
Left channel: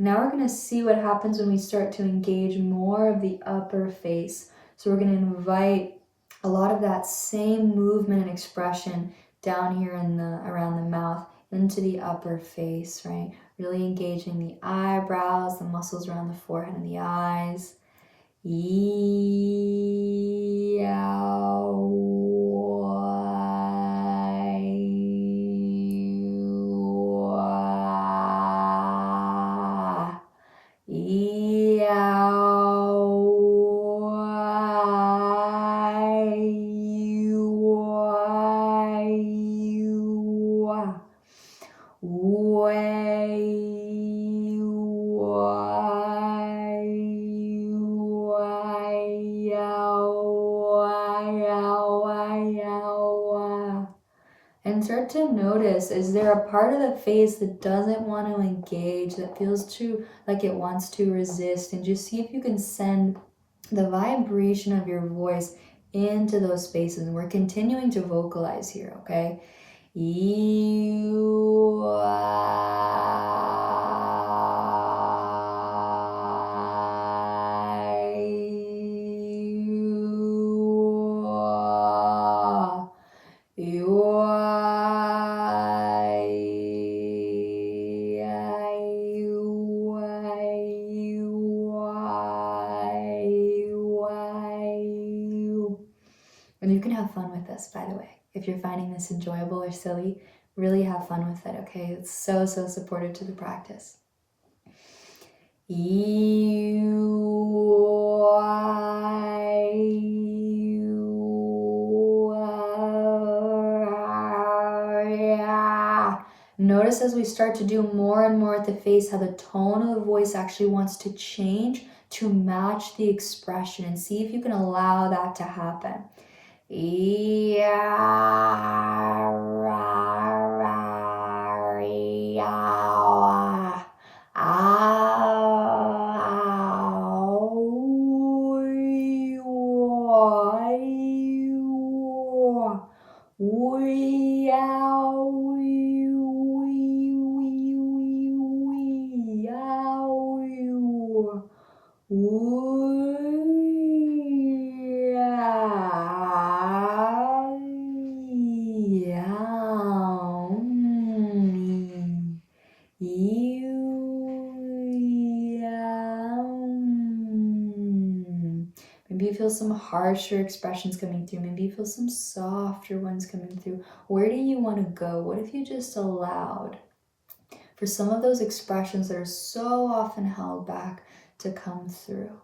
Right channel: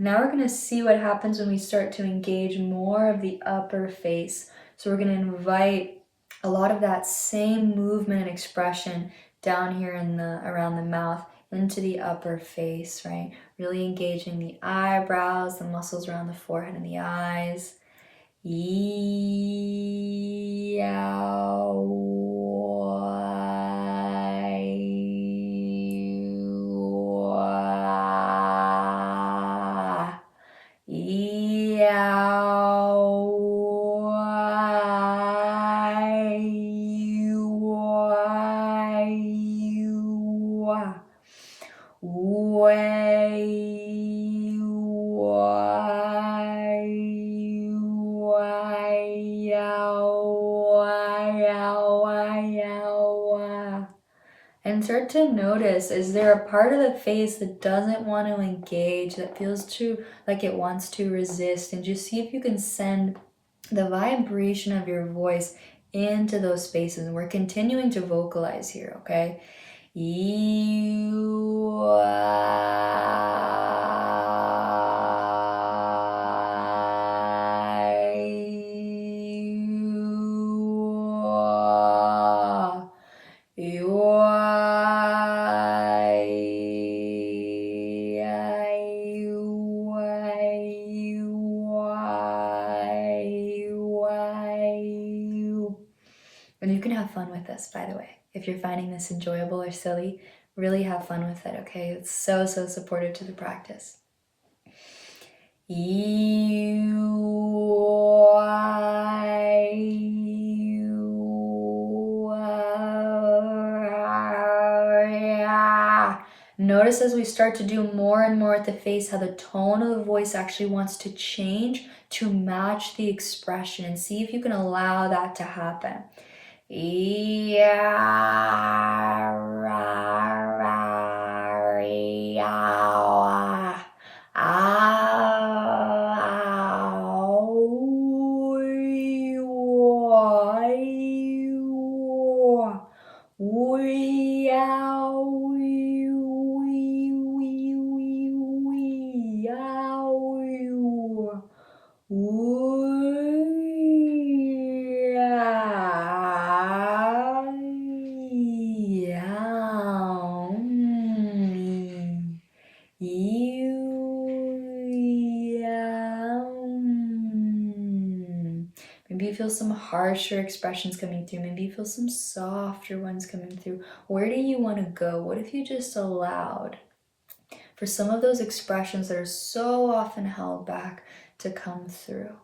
Now we're going to see what happens when we start to engage more of the upper face. So we're going to invite a lot of that same movement and expression down here in around the mouth into the upper face, right? Really engaging the eyebrows, the muscles around the forehead and the eyes. And start to notice, is there a part of the face that doesn't want to engage, that feels too like it wants to resist? And just see if you can send the vibration of your voice into those spaces. And we're continuing to vocalize here, okay? And you can have fun with this, by the way. If you're finding this enjoyable or silly, really have fun with it, okay? It's so, so supportive to the practice. Notice as we start to do more and more at the face how the tone of the voice actually wants to change to match the expression, and see if you can allow that to happen. Maybe you feel some harsher expressions coming through. Maybe you feel some softer ones coming through. Where do you want to go? What if you just allowed for some of those expressions that are so often held back to come through?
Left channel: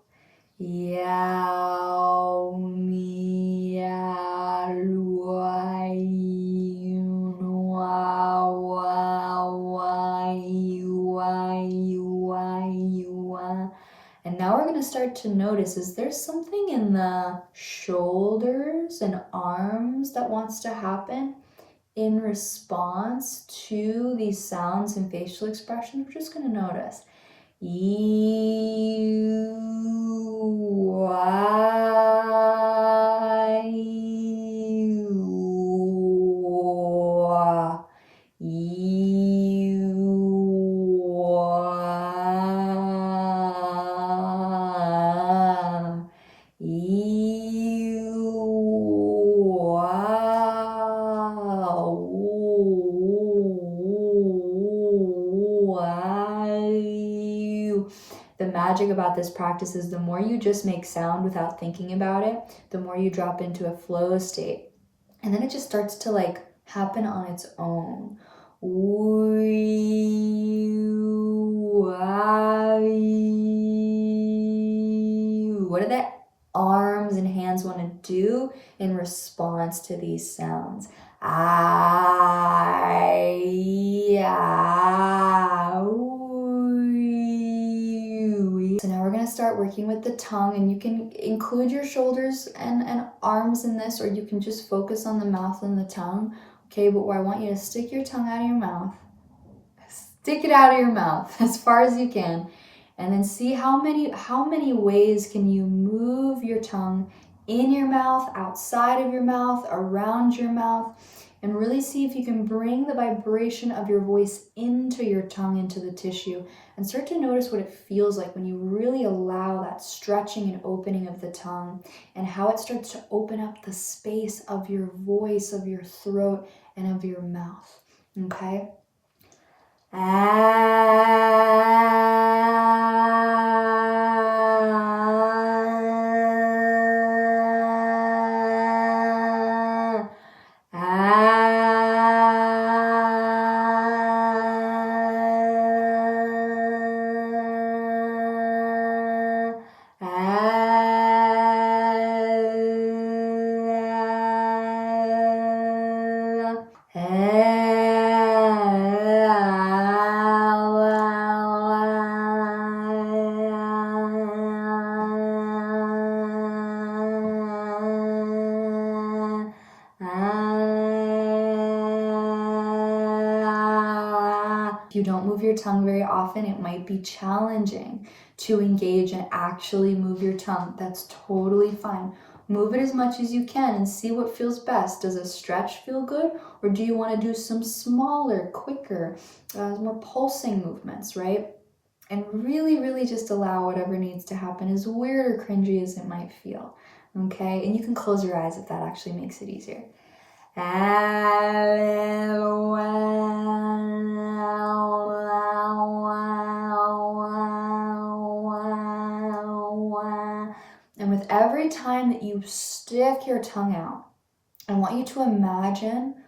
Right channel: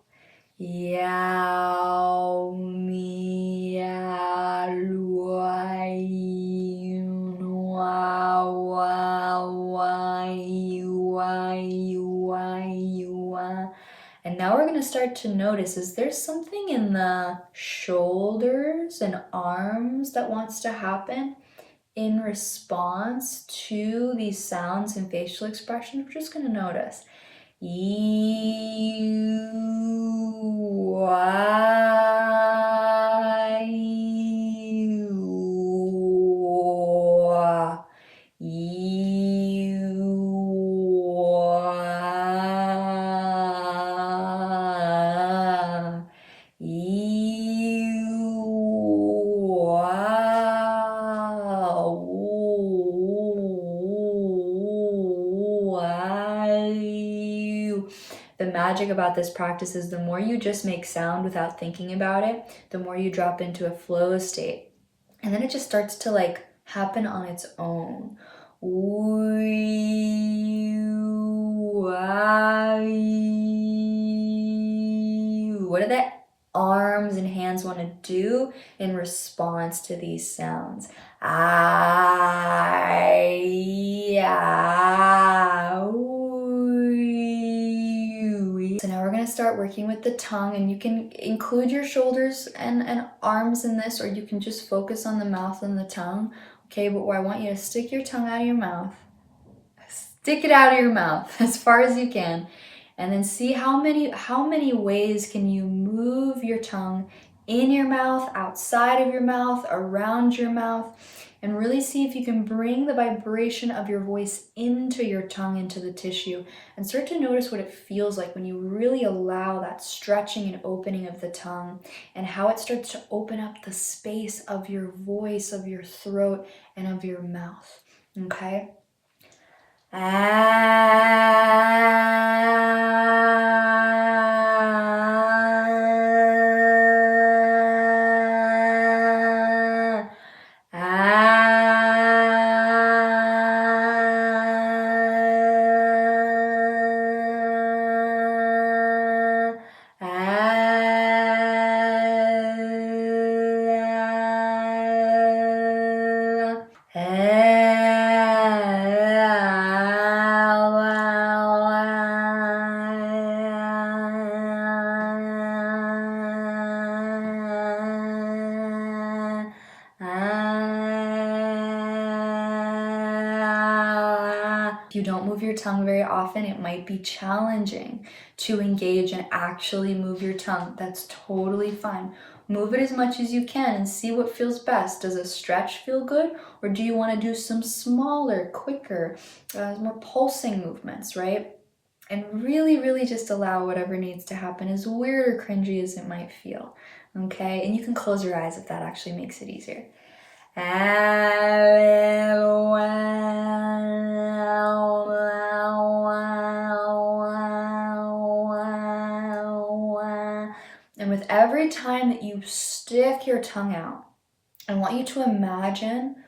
And now we're going to start to notice, is there something in the shoulders and arms that wants to happen in response to these sounds and facial expressions? We're just going to notice. The magic about this practice is the more you just make sound without thinking about it, the more you drop into a flow state. And then it just starts to like happen on its own. What do the arms and hands want to do in response to these sounds? So now we're going to start working with the tongue, and you can include your shoulders and arms in this, or you can just focus on the mouth and the tongue. Okay, but I want you to stick your tongue out of your mouth. Stick it out of your mouth as far as you can. And then see how many ways can you move your tongue in your mouth, outside of your mouth, around your mouth, and really see if you can bring the vibration of your voice into your tongue, into the tissue, and start to notice what it feels like when you really allow that stretching and opening of the tongue, and how it starts to open up the space of your voice, of your throat, and of your mouth. Okay? If you don't move your tongue very often, it might be challenging to engage and actually move your tongue. That's totally fine. Move it as much as you can and see what feels best. Does a stretch feel good? Or do you want to do some smaller, quicker, more pulsing movements, right? And really, really just allow whatever needs to happen, as weird or cringy as it might feel, okay? And you can close your eyes if that actually makes it easier. And with every time that you stick your tongue out, I want you to imagine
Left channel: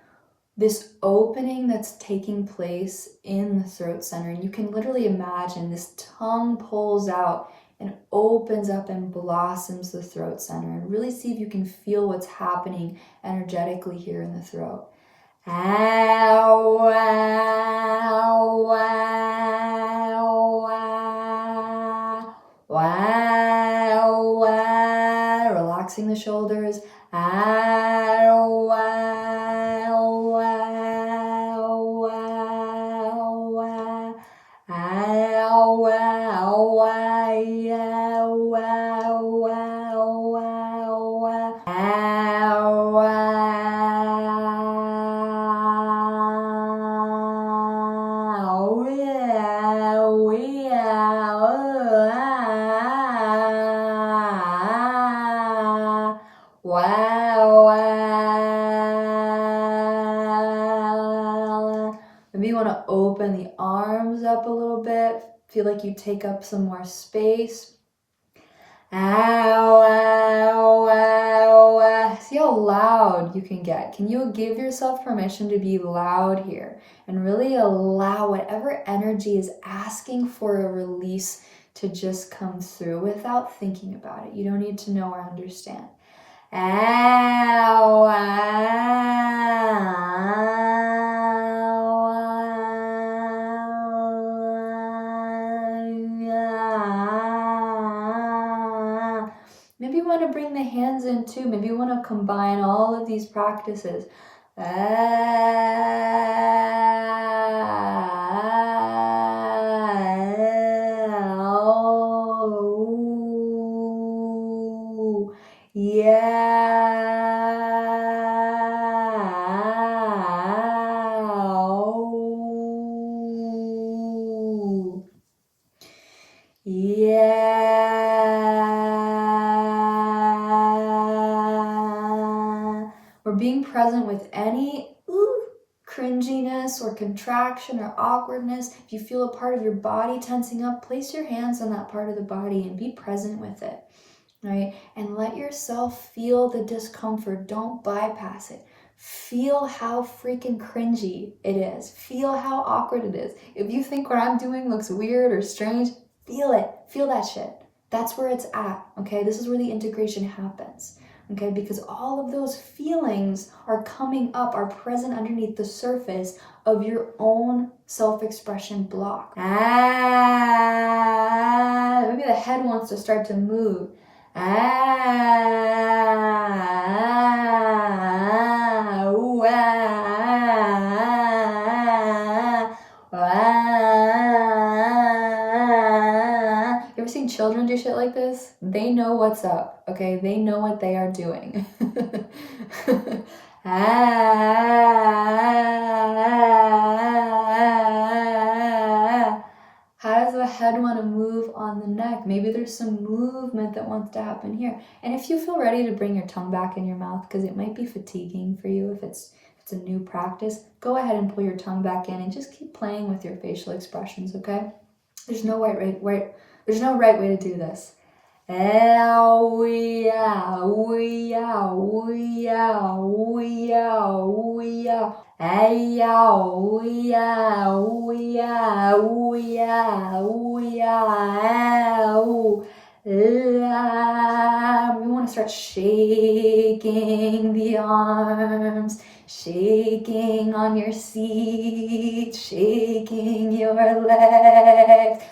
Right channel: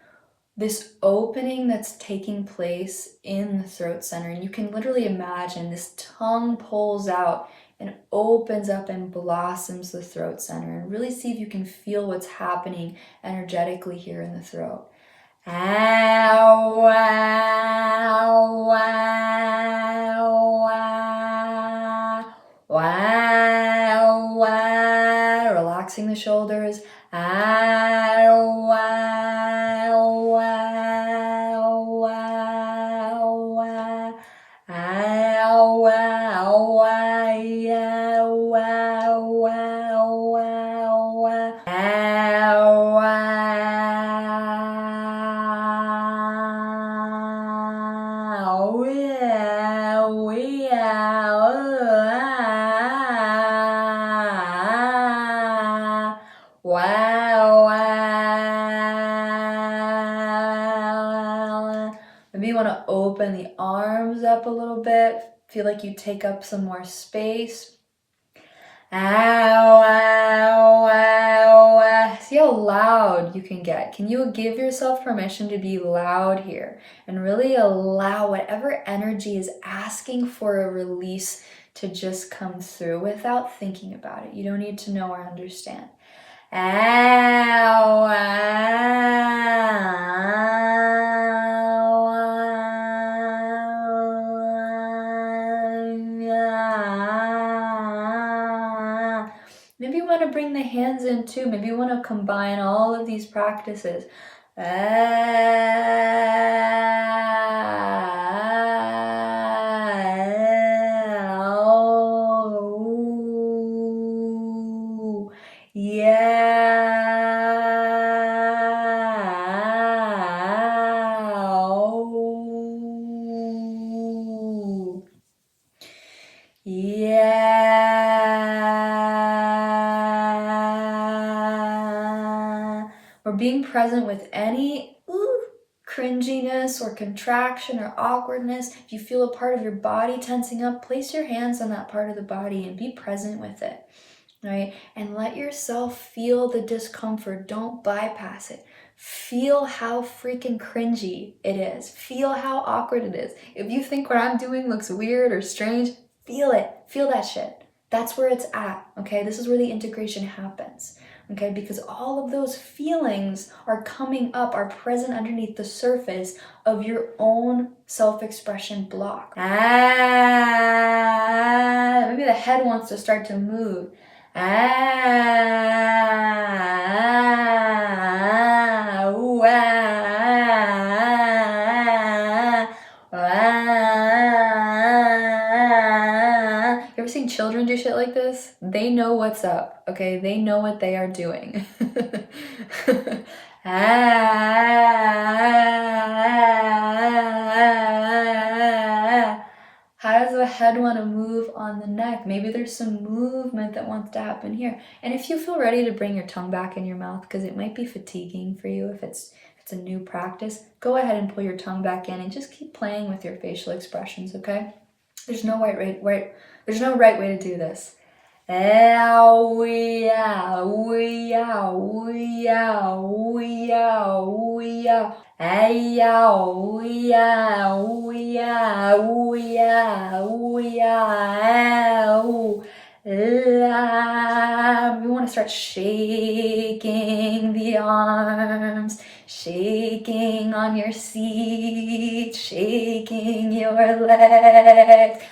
this opening that's taking place in the throat center. And you can literally imagine this tongue pulls out and opens up and blossoms the throat center. And really see if you can feel what's happening energetically here in the throat. Relaxing the shoulders. Maybe you want to open the arms up a little bit. Feel like you take up some more space. See how loud you can get. Can you give yourself permission to be loud here and really allow whatever energy is asking for a release to just come through without thinking about it? You don't need to know or understand. Maybe you want to bring the hands in too. Maybe you want to combine all of these practices. We're being present with any cringiness or contraction or awkwardness. If you feel a part of your body tensing up, place your hands on that part of the body and be present with it, right? And let yourself feel the discomfort. Don't bypass it. Feel how freaking cringy it is. Feel how awkward it is. If you think what I'm doing looks weird or strange, feel it. Feel that shit. That's where it's at, okay? This is where the integration happens, okay? Because all of those feelings are coming up, are present underneath the surface of your own self-expression block. Maybe the head wants to start to move. You ever seen children do shit like this? They know what's up, okay? They know what they are doing. How does the head want to move on the neck? Maybe there's some movement that wants to happen here. And if you feel ready to bring your tongue back in your mouth, because it might be fatiguing for you if it's a new practice, go ahead and pull your tongue back in and just keep playing with your facial expressions, okay? There's no right way to do this. We want to start shaking the arms, shaking on your seat, shaking your legs.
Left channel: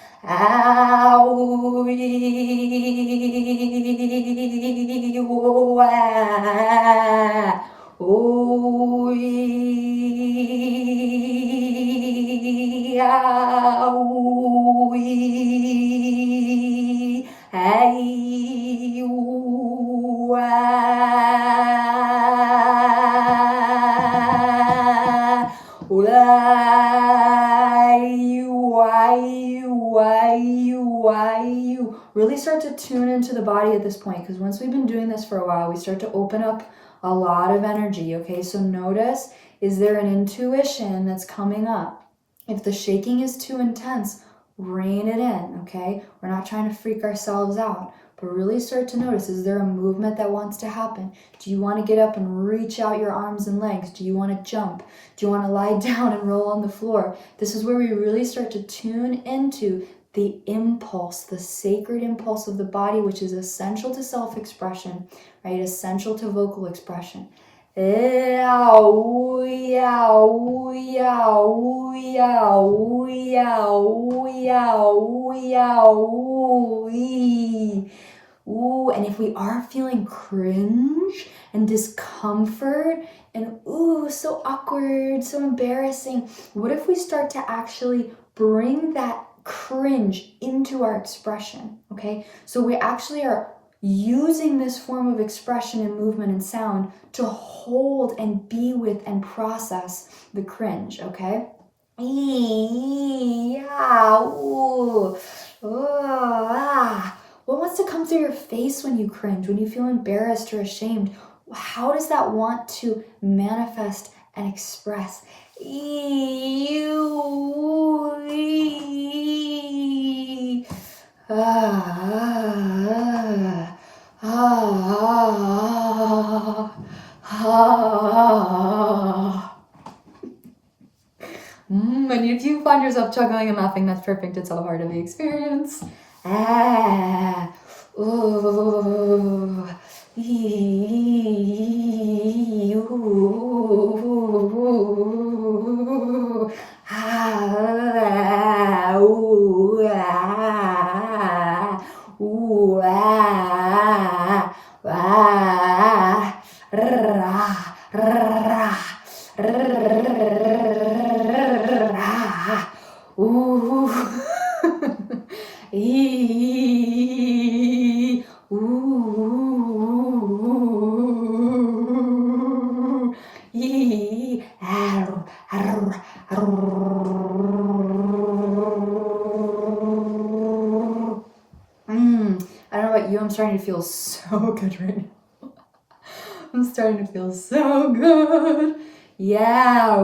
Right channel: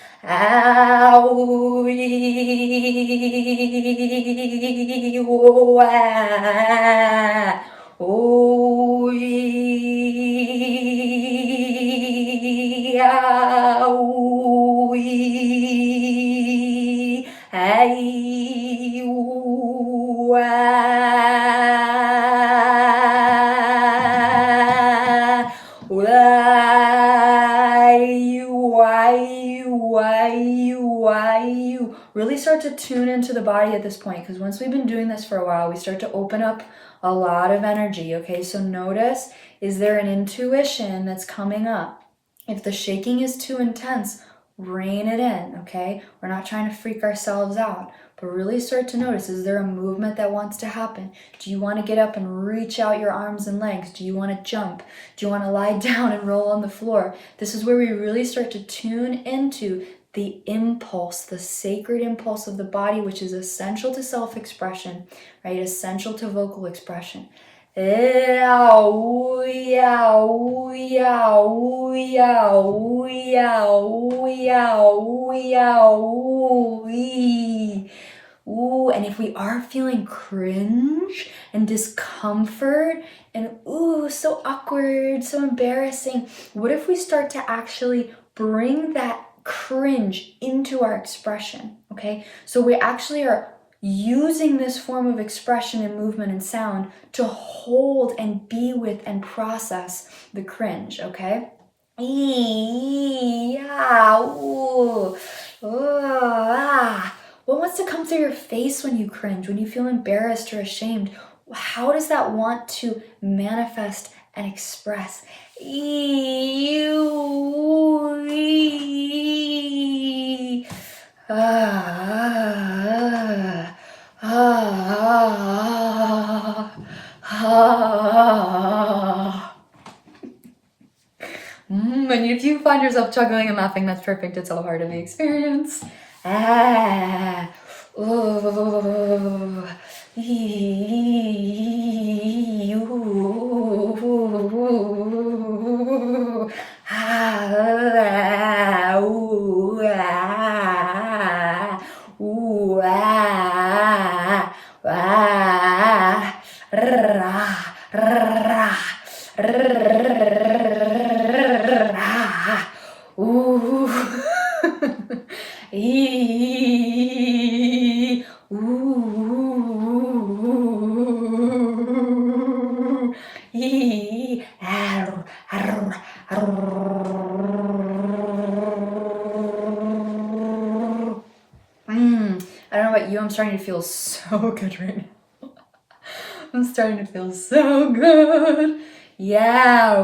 really start to tune into the body at this point, because once we've been doing this for a while, we start to open up a lot of energy, okay? So notice, is there an intuition that's coming up? If the shaking is too intense, rein it in, okay? We're not trying to freak ourselves out, but really start to notice, is there a movement that wants to happen? Do you want to get up and reach out your arms and legs? Do you want to jump? Do you want to lie down and roll on the floor? This is where we really start to tune into the impulse, the sacred impulse of the body, which is essential to self-expression, right? Essential to vocal expression. And if we are feeling cringe and discomfort and so awkward, so embarrassing, what if we start to actually bring that cringe into our expression, okay? So we actually are using this form of expression and movement and sound to hold and be with and process the cringe, okay? What wants to come through your face when you cringe, when you feel embarrassed or ashamed? How does that want to manifest and express? And if you find yourself chuckling and laughing, that's perfect. It's all part of the experience. I don't know about you, I'm starting to feel so good right now. I'm starting to feel so good. Yeah.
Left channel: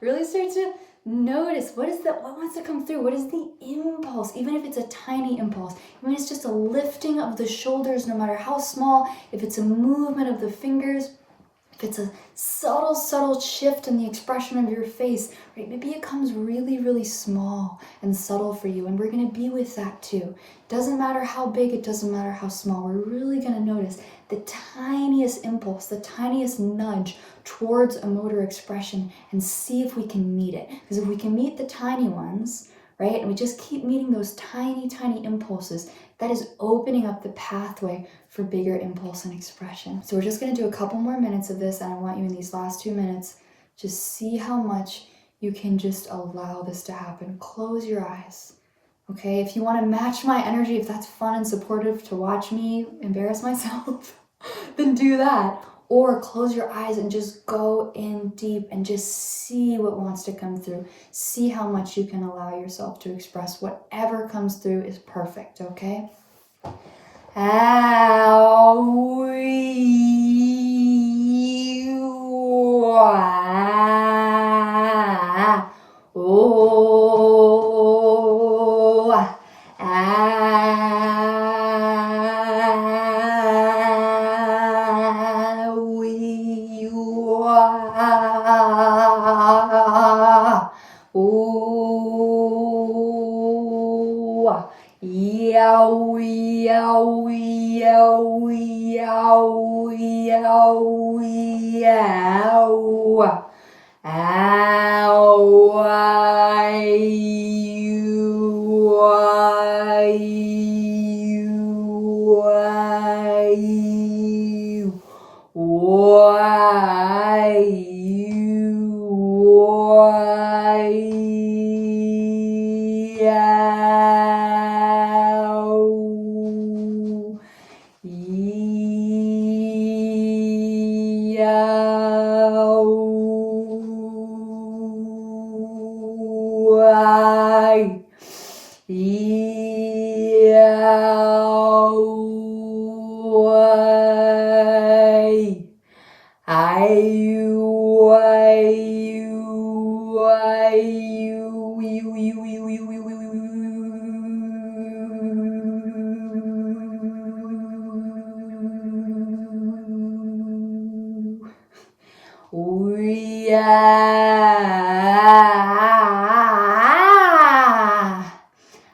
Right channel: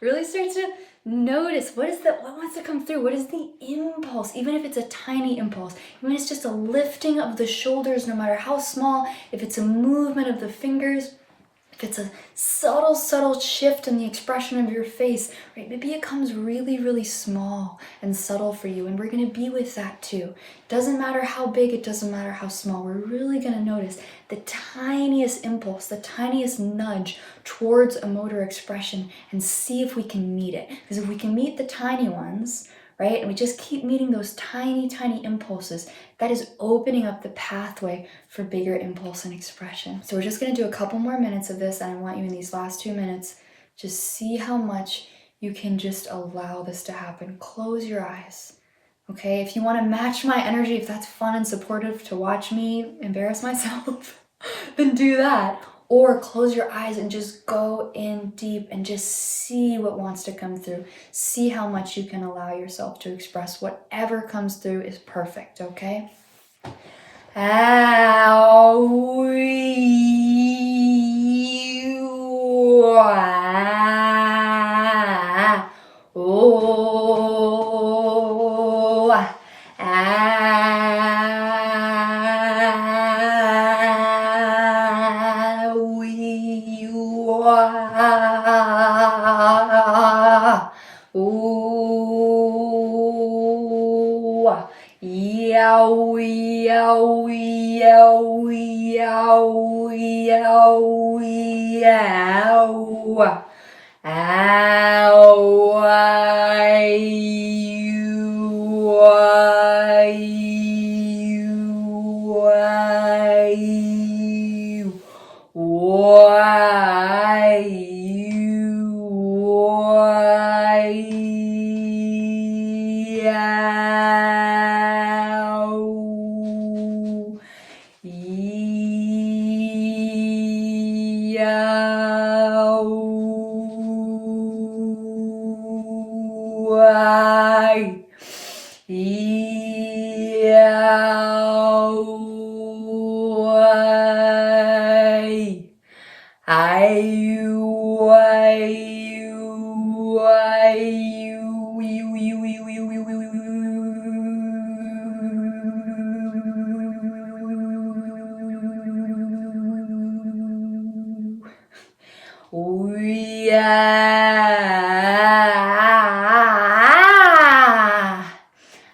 Really start to notice what wants to come through. What is the impulse? Even if it's a tiny impulse, even if it's just a lifting of the shoulders, no matter how small, if it's a movement of the fingers, if it's a subtle shift in the expression of your face, right? Maybe it comes really, really small and subtle for you, and we're gonna be with that too. Doesn't matter how big, it doesn't matter how small. We're really gonna notice the tiniest impulse, the tiniest nudge towards a motor expression and see if we can meet it. Because if we can meet the tiny ones, right, and we just keep meeting those tiny, tiny impulses, that is opening up the pathway for bigger impulse and expression. So we're just gonna do a couple more minutes of this, and I want you in these last 2 minutes, just see how much you can just allow this to happen. Close your eyes, okay? If you wanna match my energy, if that's fun and supportive to watch me embarrass myself, then do that. Or close your eyes and just go in deep and just see what wants to come through. See how much you can allow yourself to express. Whatever comes through is perfect, okay? Ah.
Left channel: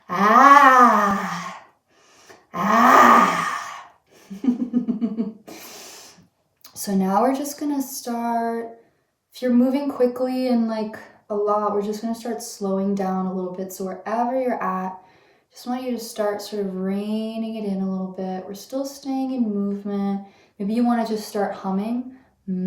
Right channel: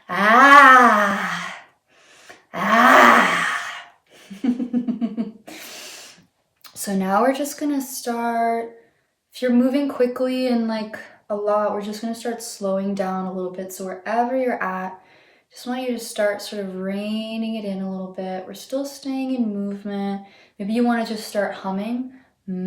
Ah. So now we're just gonna start, if you're moving quickly and like a lot, we're just gonna start slowing down a little bit. So wherever you're at, just want you to start sort of reining it in a little bit. We're still staying in movement. Maybe you want to just start humming. Maybe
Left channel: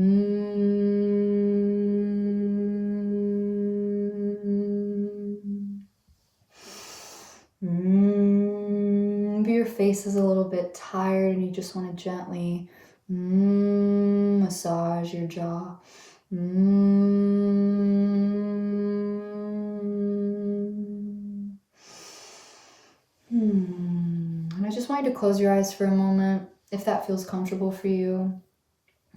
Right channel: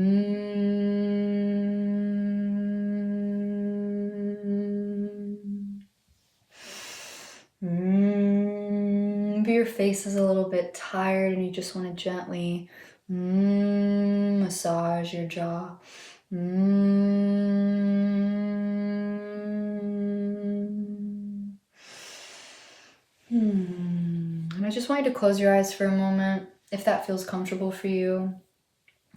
your face is a little bit tired and you just want to gently massage your jaw. And I just want you to close your eyes for a moment, if that feels comfortable for you.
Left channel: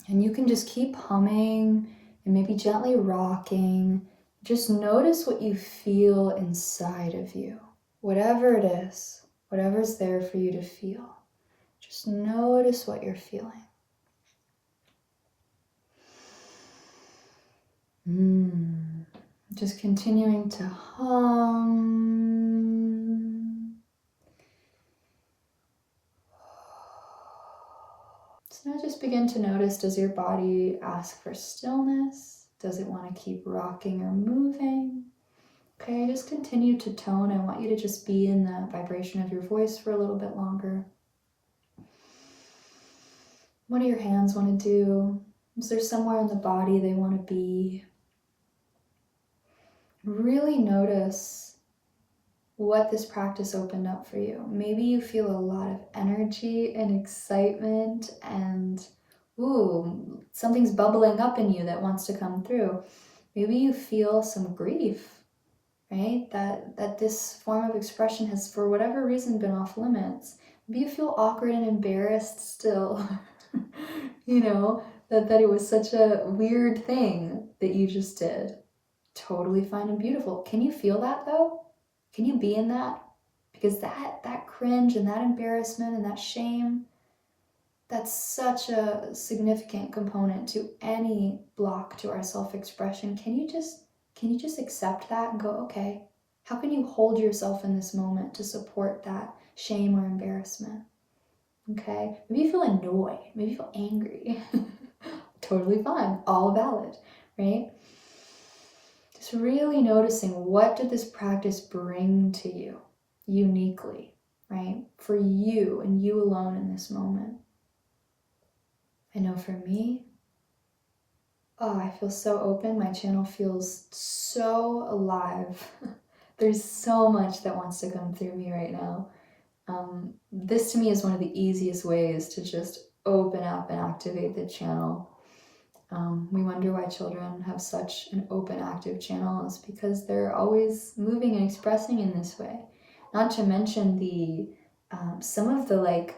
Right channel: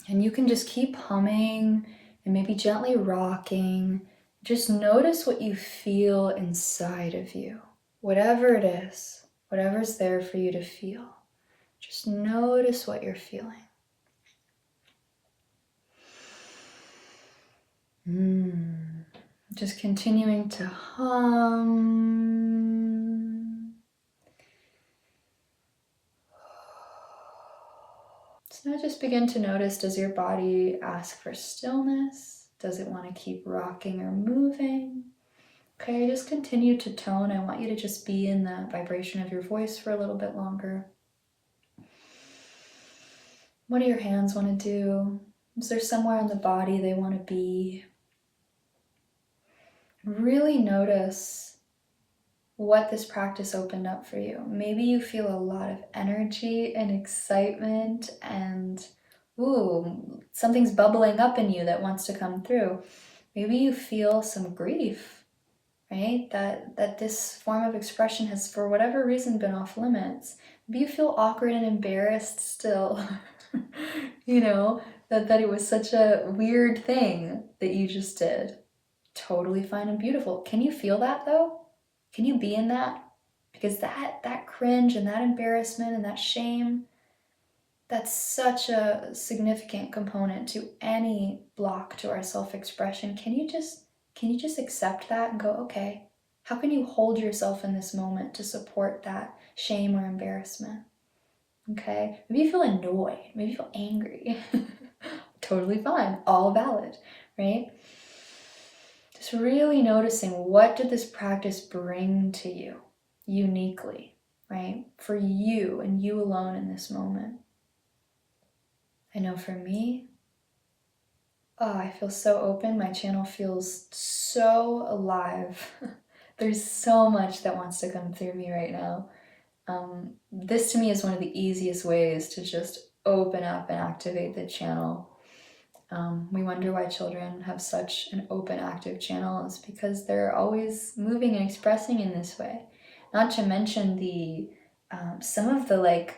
And you can just keep humming and maybe gently rocking. Just notice what you feel inside of you. Whatever it is, whatever's there for you to feel. Just notice what you're feeling. Just continuing to hum. So now just begin to notice, does your body ask for stillness? Does it want to keep rocking or moving? Okay, just continue to tone. I want you to just be in the vibration of your voice for a little bit longer. What do your hands want to do? Is there somewhere in the body they want to be? Really notice what this practice opened up for you. Maybe you feel a lot of energy and excitement and something's bubbling up in you that wants to come through. Maybe you feel some grief, right? That this form of expression has, for whatever reason, been off limits. Maybe you feel awkward and embarrassed still, that it was such a weird thing that you just did. Totally fine and beautiful. Can you feel that though? Can you be in that? Because that cringe and that embarrassment and that shame, that's such a significant component to any block to our self-expression. Can you just accept that and go, okay, how can you hold yourself in this moment to support that shame or embarrassment? Okay, maybe you feel annoyed, maybe you feel angry. Totally fine, all valid, right? Just really noticing, what did this practice bring to you uniquely, right? For you and you alone in this moment. I know for me, I feel so open. My channel feels so alive. There's so much that wants to come through me right now. This to me is one of the easiest ways to just open up and activate the channel. We wonder why children have such an open, active channel. It's because they're always moving and expressing in this way. Not to mention the some of the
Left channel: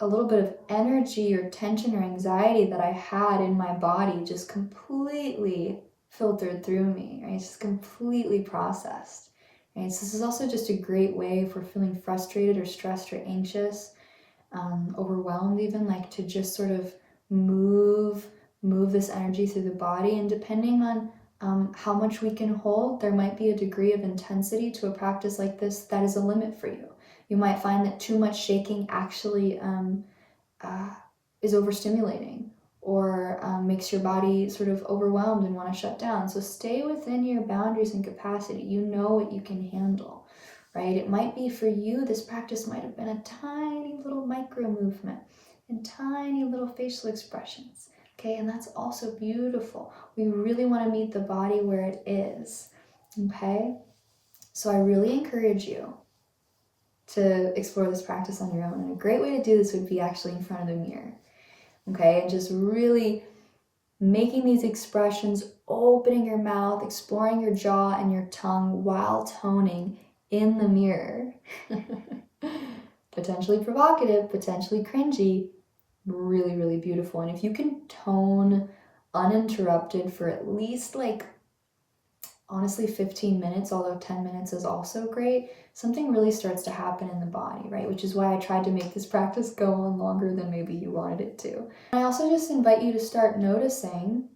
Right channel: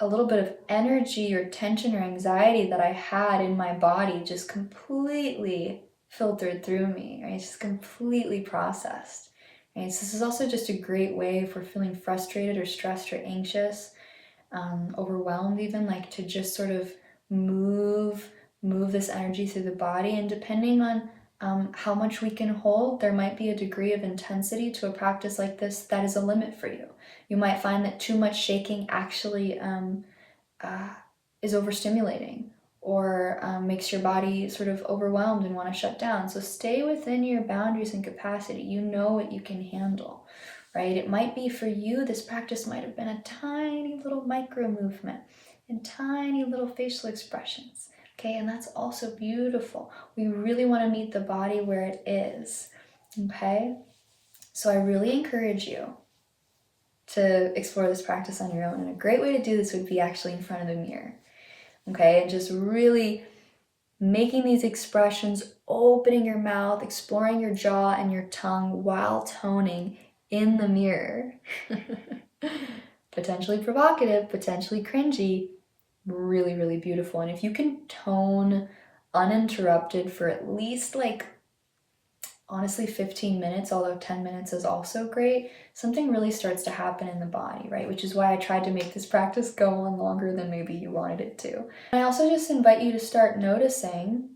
a little bit of energy or tension or anxiety that I had in my body just completely filtered through me, right? Just completely processed. Right? So this is also just a great way if we're feeling frustrated or stressed or anxious, overwhelmed even, to just sort of move this energy through the body. And depending on how much we can hold, there might be a degree of intensity to a practice like this that is a limit for you. You might find that too much shaking actually is overstimulating or makes your body sort of overwhelmed and want to shut down. So stay within your boundaries and capacity. You know what you can handle, right? It might be for you, this practice might have been a tiny little micro movement and tiny little facial expressions. Okay, and that's also beautiful. We really want to meet the body where it is. Okay, so I really encourage you to explore this practice on your own. And a great way to do this would be actually in front of the mirror. Okay, and just really making these expressions, opening your mouth, exploring your jaw and your tongue while toning in the mirror. Potentially provocative, potentially cringy, really, really beautiful. And if you can tone uninterrupted for at least honestly 15 minutes, although 10 minutes is also great, something really starts to happen in the body, right? Which is why I tried to make this practice go on longer than maybe you wanted it to. I also just invite you to start noticing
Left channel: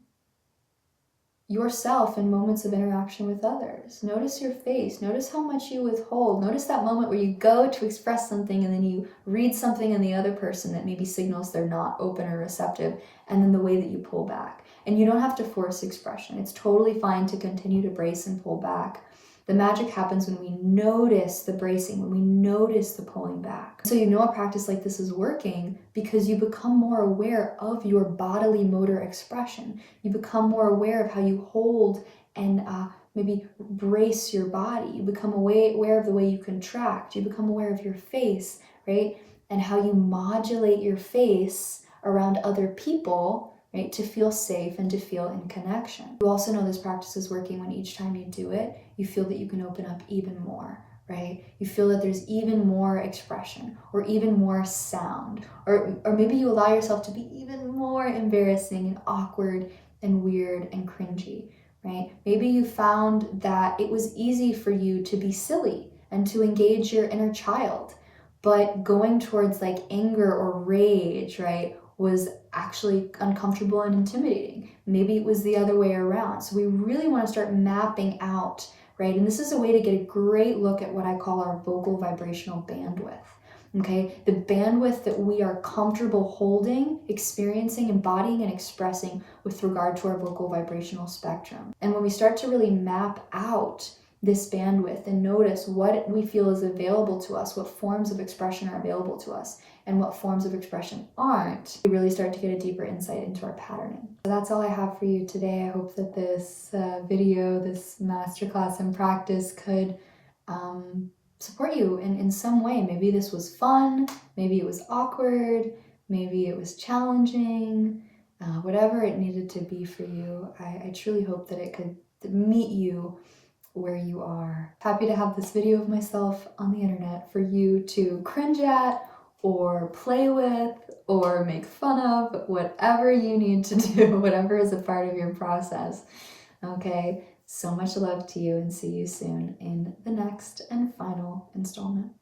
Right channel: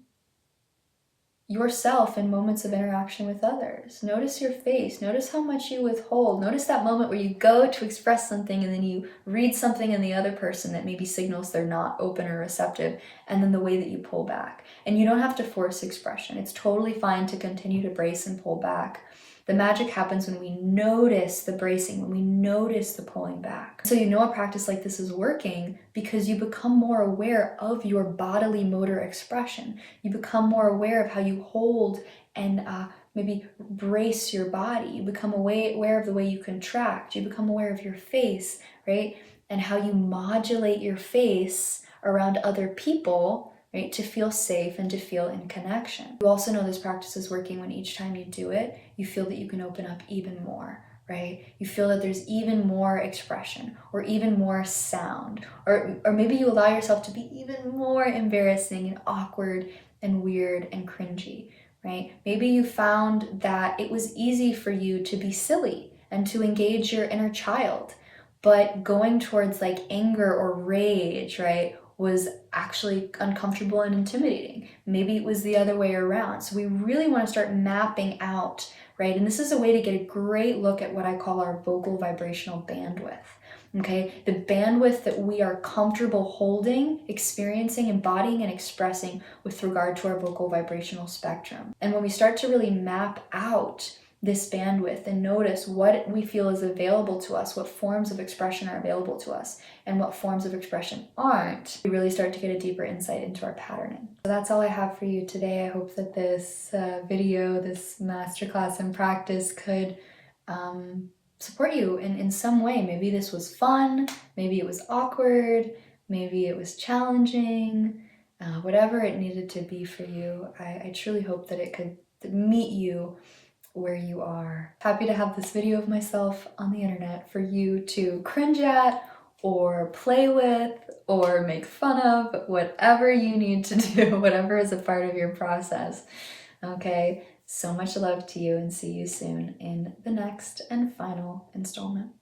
yourself in moments of interaction with others. Notice your face. Notice how much you withhold. Notice that moment where you go to express something and then you read something in the other person that maybe signals they're not open or receptive, and then the way that you pull back. And you don't have to force expression. It's totally fine to continue to brace and pull back. The magic happens when we notice the bracing, when we notice the pulling back. So you know a practice like this is working because you become more aware of your bodily motor expression. You become more aware of how you hold and maybe brace your body. You become aware of the way you contract. You become aware of your face, right? And how you modulate your face around other people, right, to feel safe and to feel in connection. You also know this practice is working when each time you do it, you feel that you can open up even more, right? You feel that there's even more expression or even more sound, or maybe you allow yourself to be even more embarrassing and awkward and weird and cringy, right? Maybe you found that it was easy for you to be silly and to engage your inner child, but going towards like anger or rage, right, was actually uncomfortable and intimidating. Maybe it was the other way around. So we really want to start mapping out, right? And this is a way to get a great look at what I call our vocal vibrational bandwidth. Okay, the bandwidth that we are comfortable holding, experiencing, embodying, and expressing with regard to our vocal vibrational spectrum. And when we start to really map out this bandwidth and notice what we feel is available to us, what forms of expression are available to us, and what forms of expression aren't, we really start to get a deeper insight into our patterning. So that's all I have for you today. I hope that this video, this masterclass in practice could support you in some way. Maybe this was fun, maybe it was awkward, maybe it was challenging, whatever it needed to be for you. I truly hope that it could meet you where you are. Happy to have this video of myself on the internet for you to cringe at or play with or make fun of, whatever you need to do, whatever is a part of your process. Okay, so much love to you, and see you soon in the next and final installment.